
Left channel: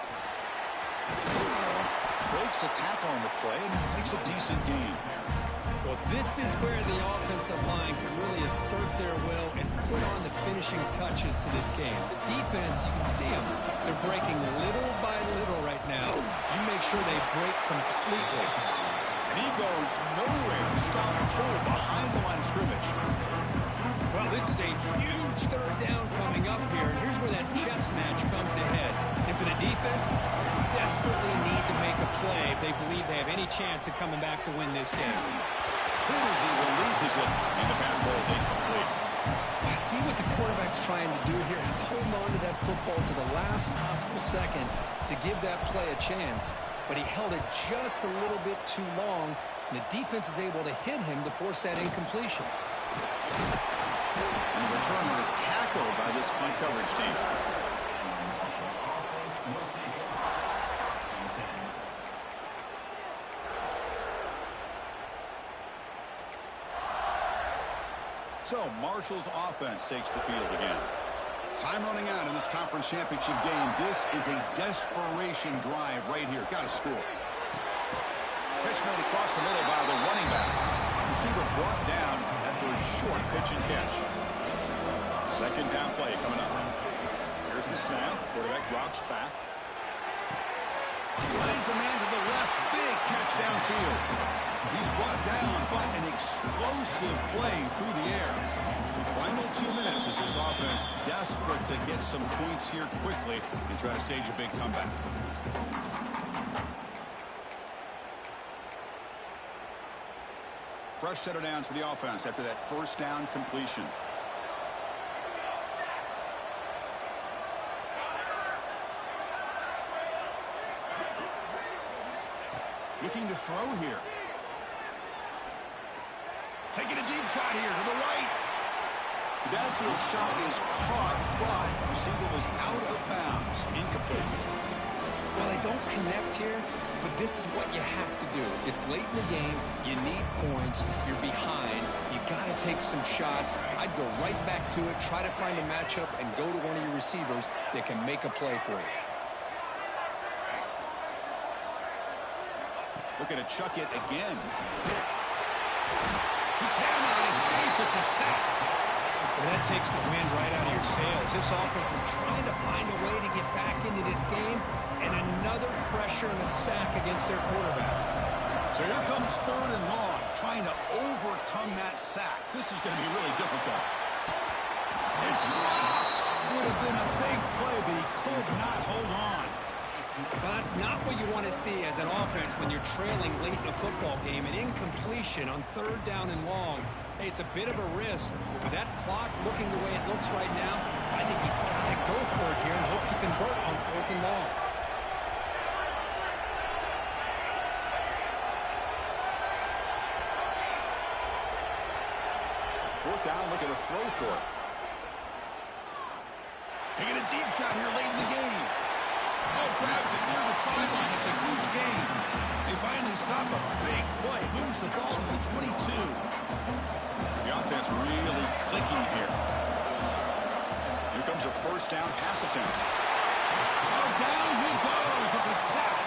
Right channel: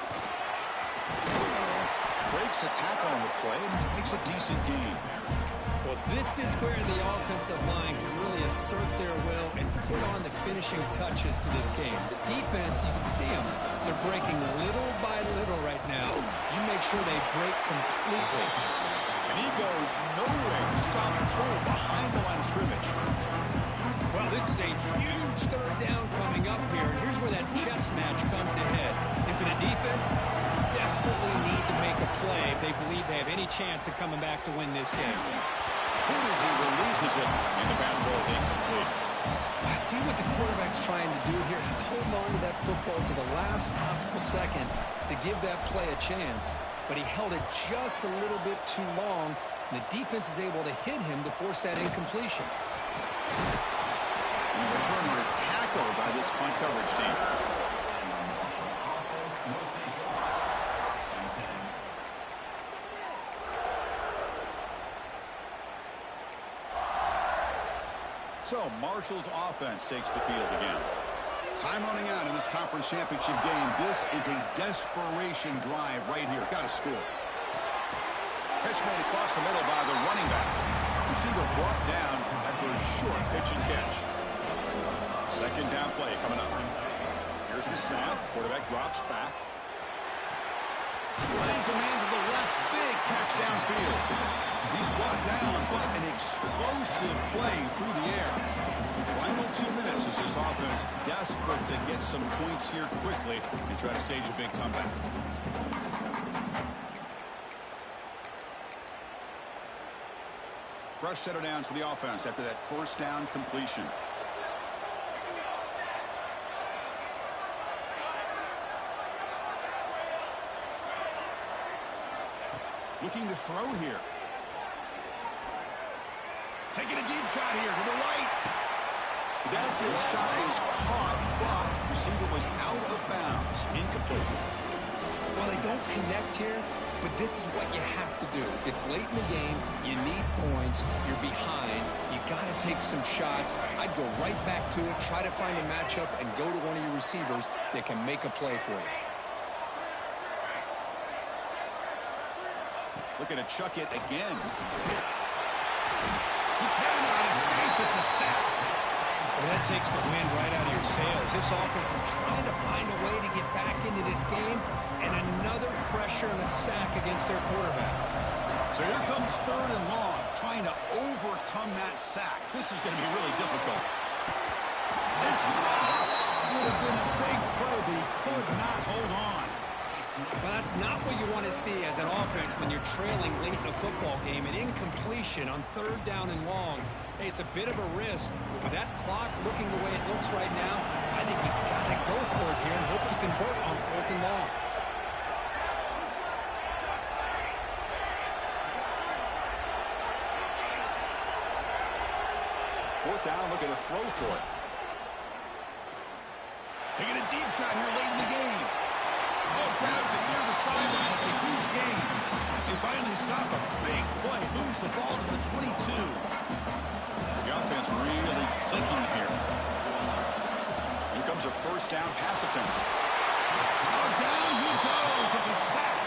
Breaks a tackle on the play and makes a decent gain. Well, this is where the offensive line can really assert their will and put on the finishing touches to this game. The defense, you can see them. They're breaking little by little right now. You make sure they break completely. And he goes nowhere. Stop pull behind the line of scrimmage. Well, this is a huge third down coming up here, and here's where that chess match comes to head. And for the defense, desperately need to make a play if they believe they have any chance of coming back to win this game. Hit as he releases it, and the pass ball is incomplete. I see what the quarterback's trying to do here. He's holding on to that football to the last possible second to give that play a chance. But he held it just a little bit too long, and the defense is able to hit him to force that incompletion. And the returner is tackled by this punt coverage team. So Marshall's offense takes the field again. Time running out in this conference championship game. This is a desperation drive right here. Got to score. Catch made across the middle by the running back. Receiver brought down after a short pitch and catch. Second down play coming up. Here's the snap. Quarterback drops back. Plays a man to the left. Big catch downfield. He's brought down, but an explosive play through the air. Final 2 minutes as this offense desperate to get some points here quickly and try to stage a big comeback. Fresh set of downs for the offense after that first down completion. Looking to throw here. Taking a deep shot here to the right. The downfield shot is caught, but receiver was out of bounds. Incomplete. Well, they don't connect here, but this is what you have to do. It's late in the game. You need points. You're behind. You got to take some shots. I'd go right back to it, try to find a matchup, and go to one of your receivers that can make a play for you. Looking to chuck it again. He cannot escape. It's a sack. Well, that takes the wind right out of your sails. This offense is trying to find a way to get back into this game, and another pressure and a sack against their quarterback. So here comes third and long, trying to overcome that sack. This is going to be really difficult. It's dropped. Would have been a big play, but he could not hold on. Well, that's not what you want to see as an offense when you're trailing late in a football game. An incompletion on third down and long. Hey, it's a bit of a risk. But with that clock looking the way it looks right now, I think you got to go for it here and hope to convert on fourth and long. Fourth down, look at the throw for it. Taking a deep shot here late in the game. Oh, grabs it near the sideline. It's a huge gain. They finally stop a big play. Moves the ball to the 22. The offense really clicking here. Here comes a first down pass attempt. Oh, down he goes. It's a sack.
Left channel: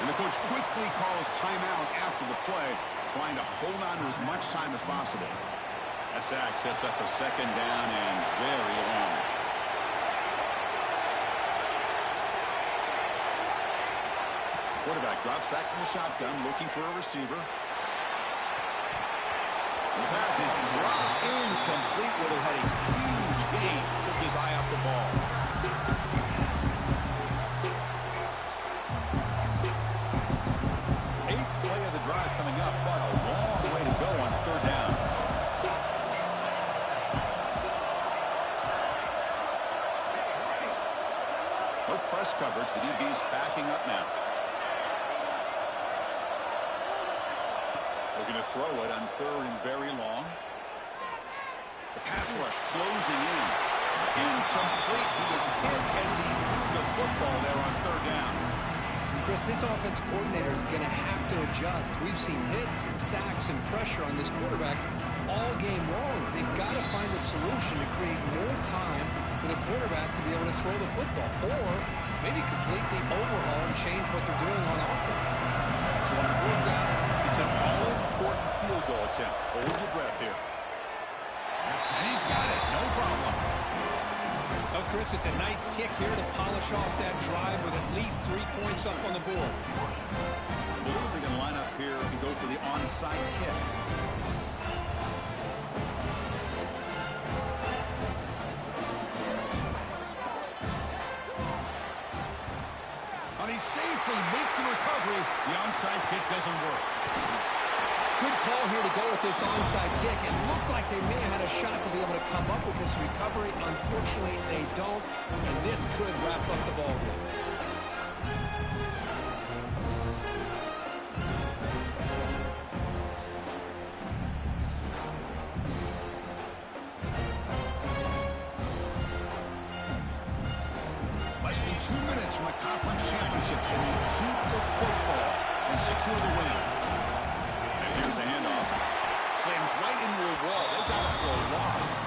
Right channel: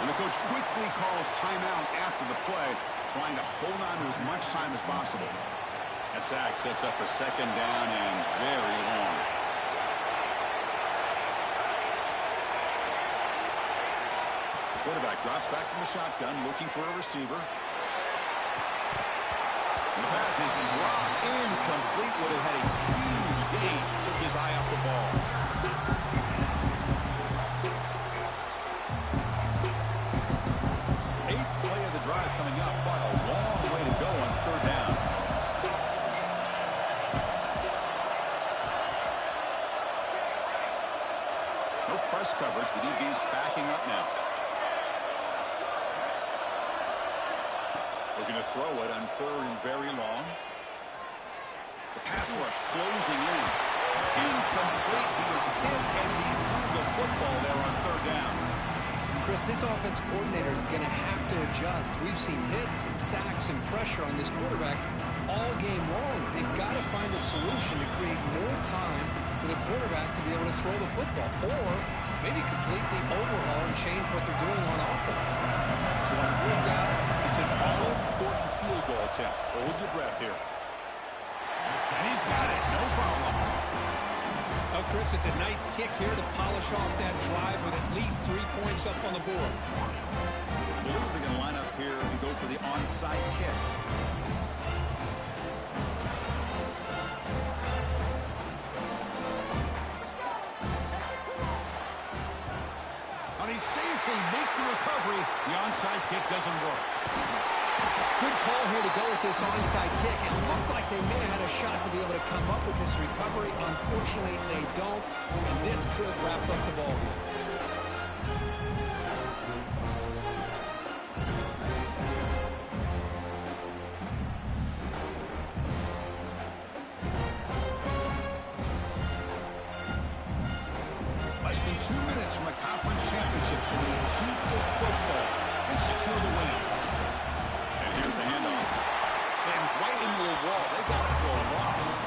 And the coach quickly calls timeout after the play, trying to hold on to as much time as possible. That sack sets up a second down and very long. Quarterback drops back from the shotgun, looking for a receiver. And the pass is dropped incomplete. Would have had a huge gain. Took his eye off the ball. Eighth play of the drive coming up, but a long way to go on third down. press coverage. The DB's backing up now. Looking to throw it on 3rd and very long. The pass rush closing in. Incomplete. He was hit as he threw the football there on 3rd down. Chris, this offensive coordinator is going to have to adjust. We've seen hits and sacks and pressure on this quarterback all game long. They've got to find a solution to create more time for the quarterback to be able to throw the football, or maybe completely overhaul and change what they're doing on offense. So on 4th down, it's an all-important field goal attempt. Hold your breath here. And he's got it. No problem. Oh, Chris, it's a nice kick here to polish off that drive with at least 3 points up on the board. I believe they're going to line up here and go for the onside kick. And he safely makes the recovery. The onside kick doesn't work. Good call here to go with this onside kick. It looked like they may have had a shot to be able to come up with this recovery. Unfortunately, they don't, and this could wrap up the ball game. Less than 2 minutes from the conference championship, and they keep the football and secure the win. And here's the handoff. Slams right into a wall. They got him for a loss.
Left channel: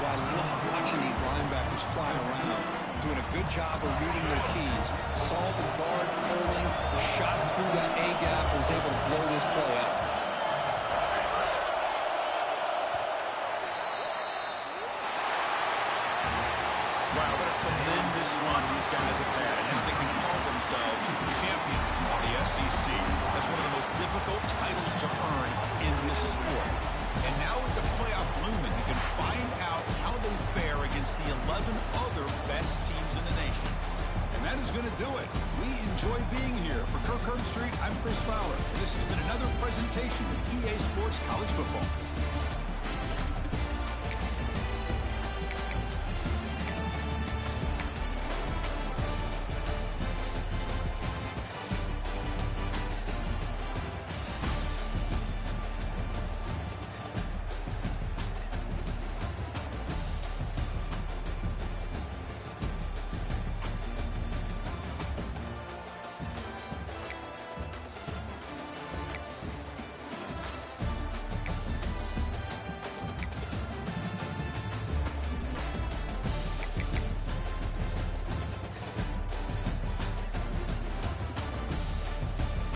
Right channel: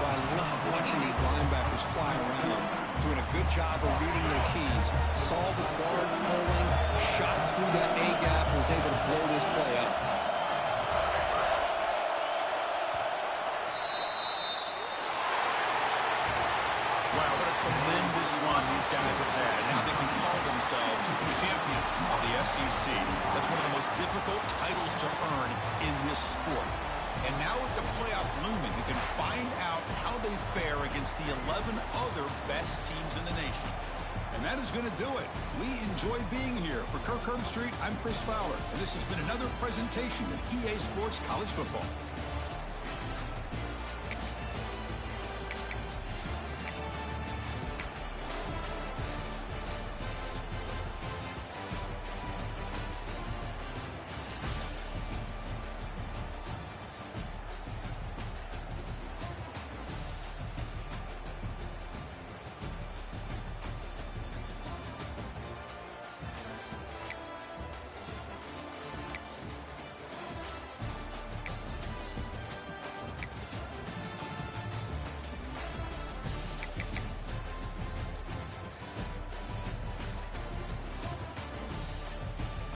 Well, I love watching these linebackers fly around, doing a good job of reading their keys. Saw the guard pulling, shot through that A-gap, was able to blow this play up. Wow, what a tremendous run these guys have had. And now they can call themselves champions of the SEC. That's one of the most difficult titles to earn in this sport. And now with the playoff looming, you can find out how they fare against the 11 other best teams in the nation. And that is going to do it. We enjoy being here. For Kirk Herbstreit, I'm Chris Fowler. And this has been another presentation of EA Sports College Football.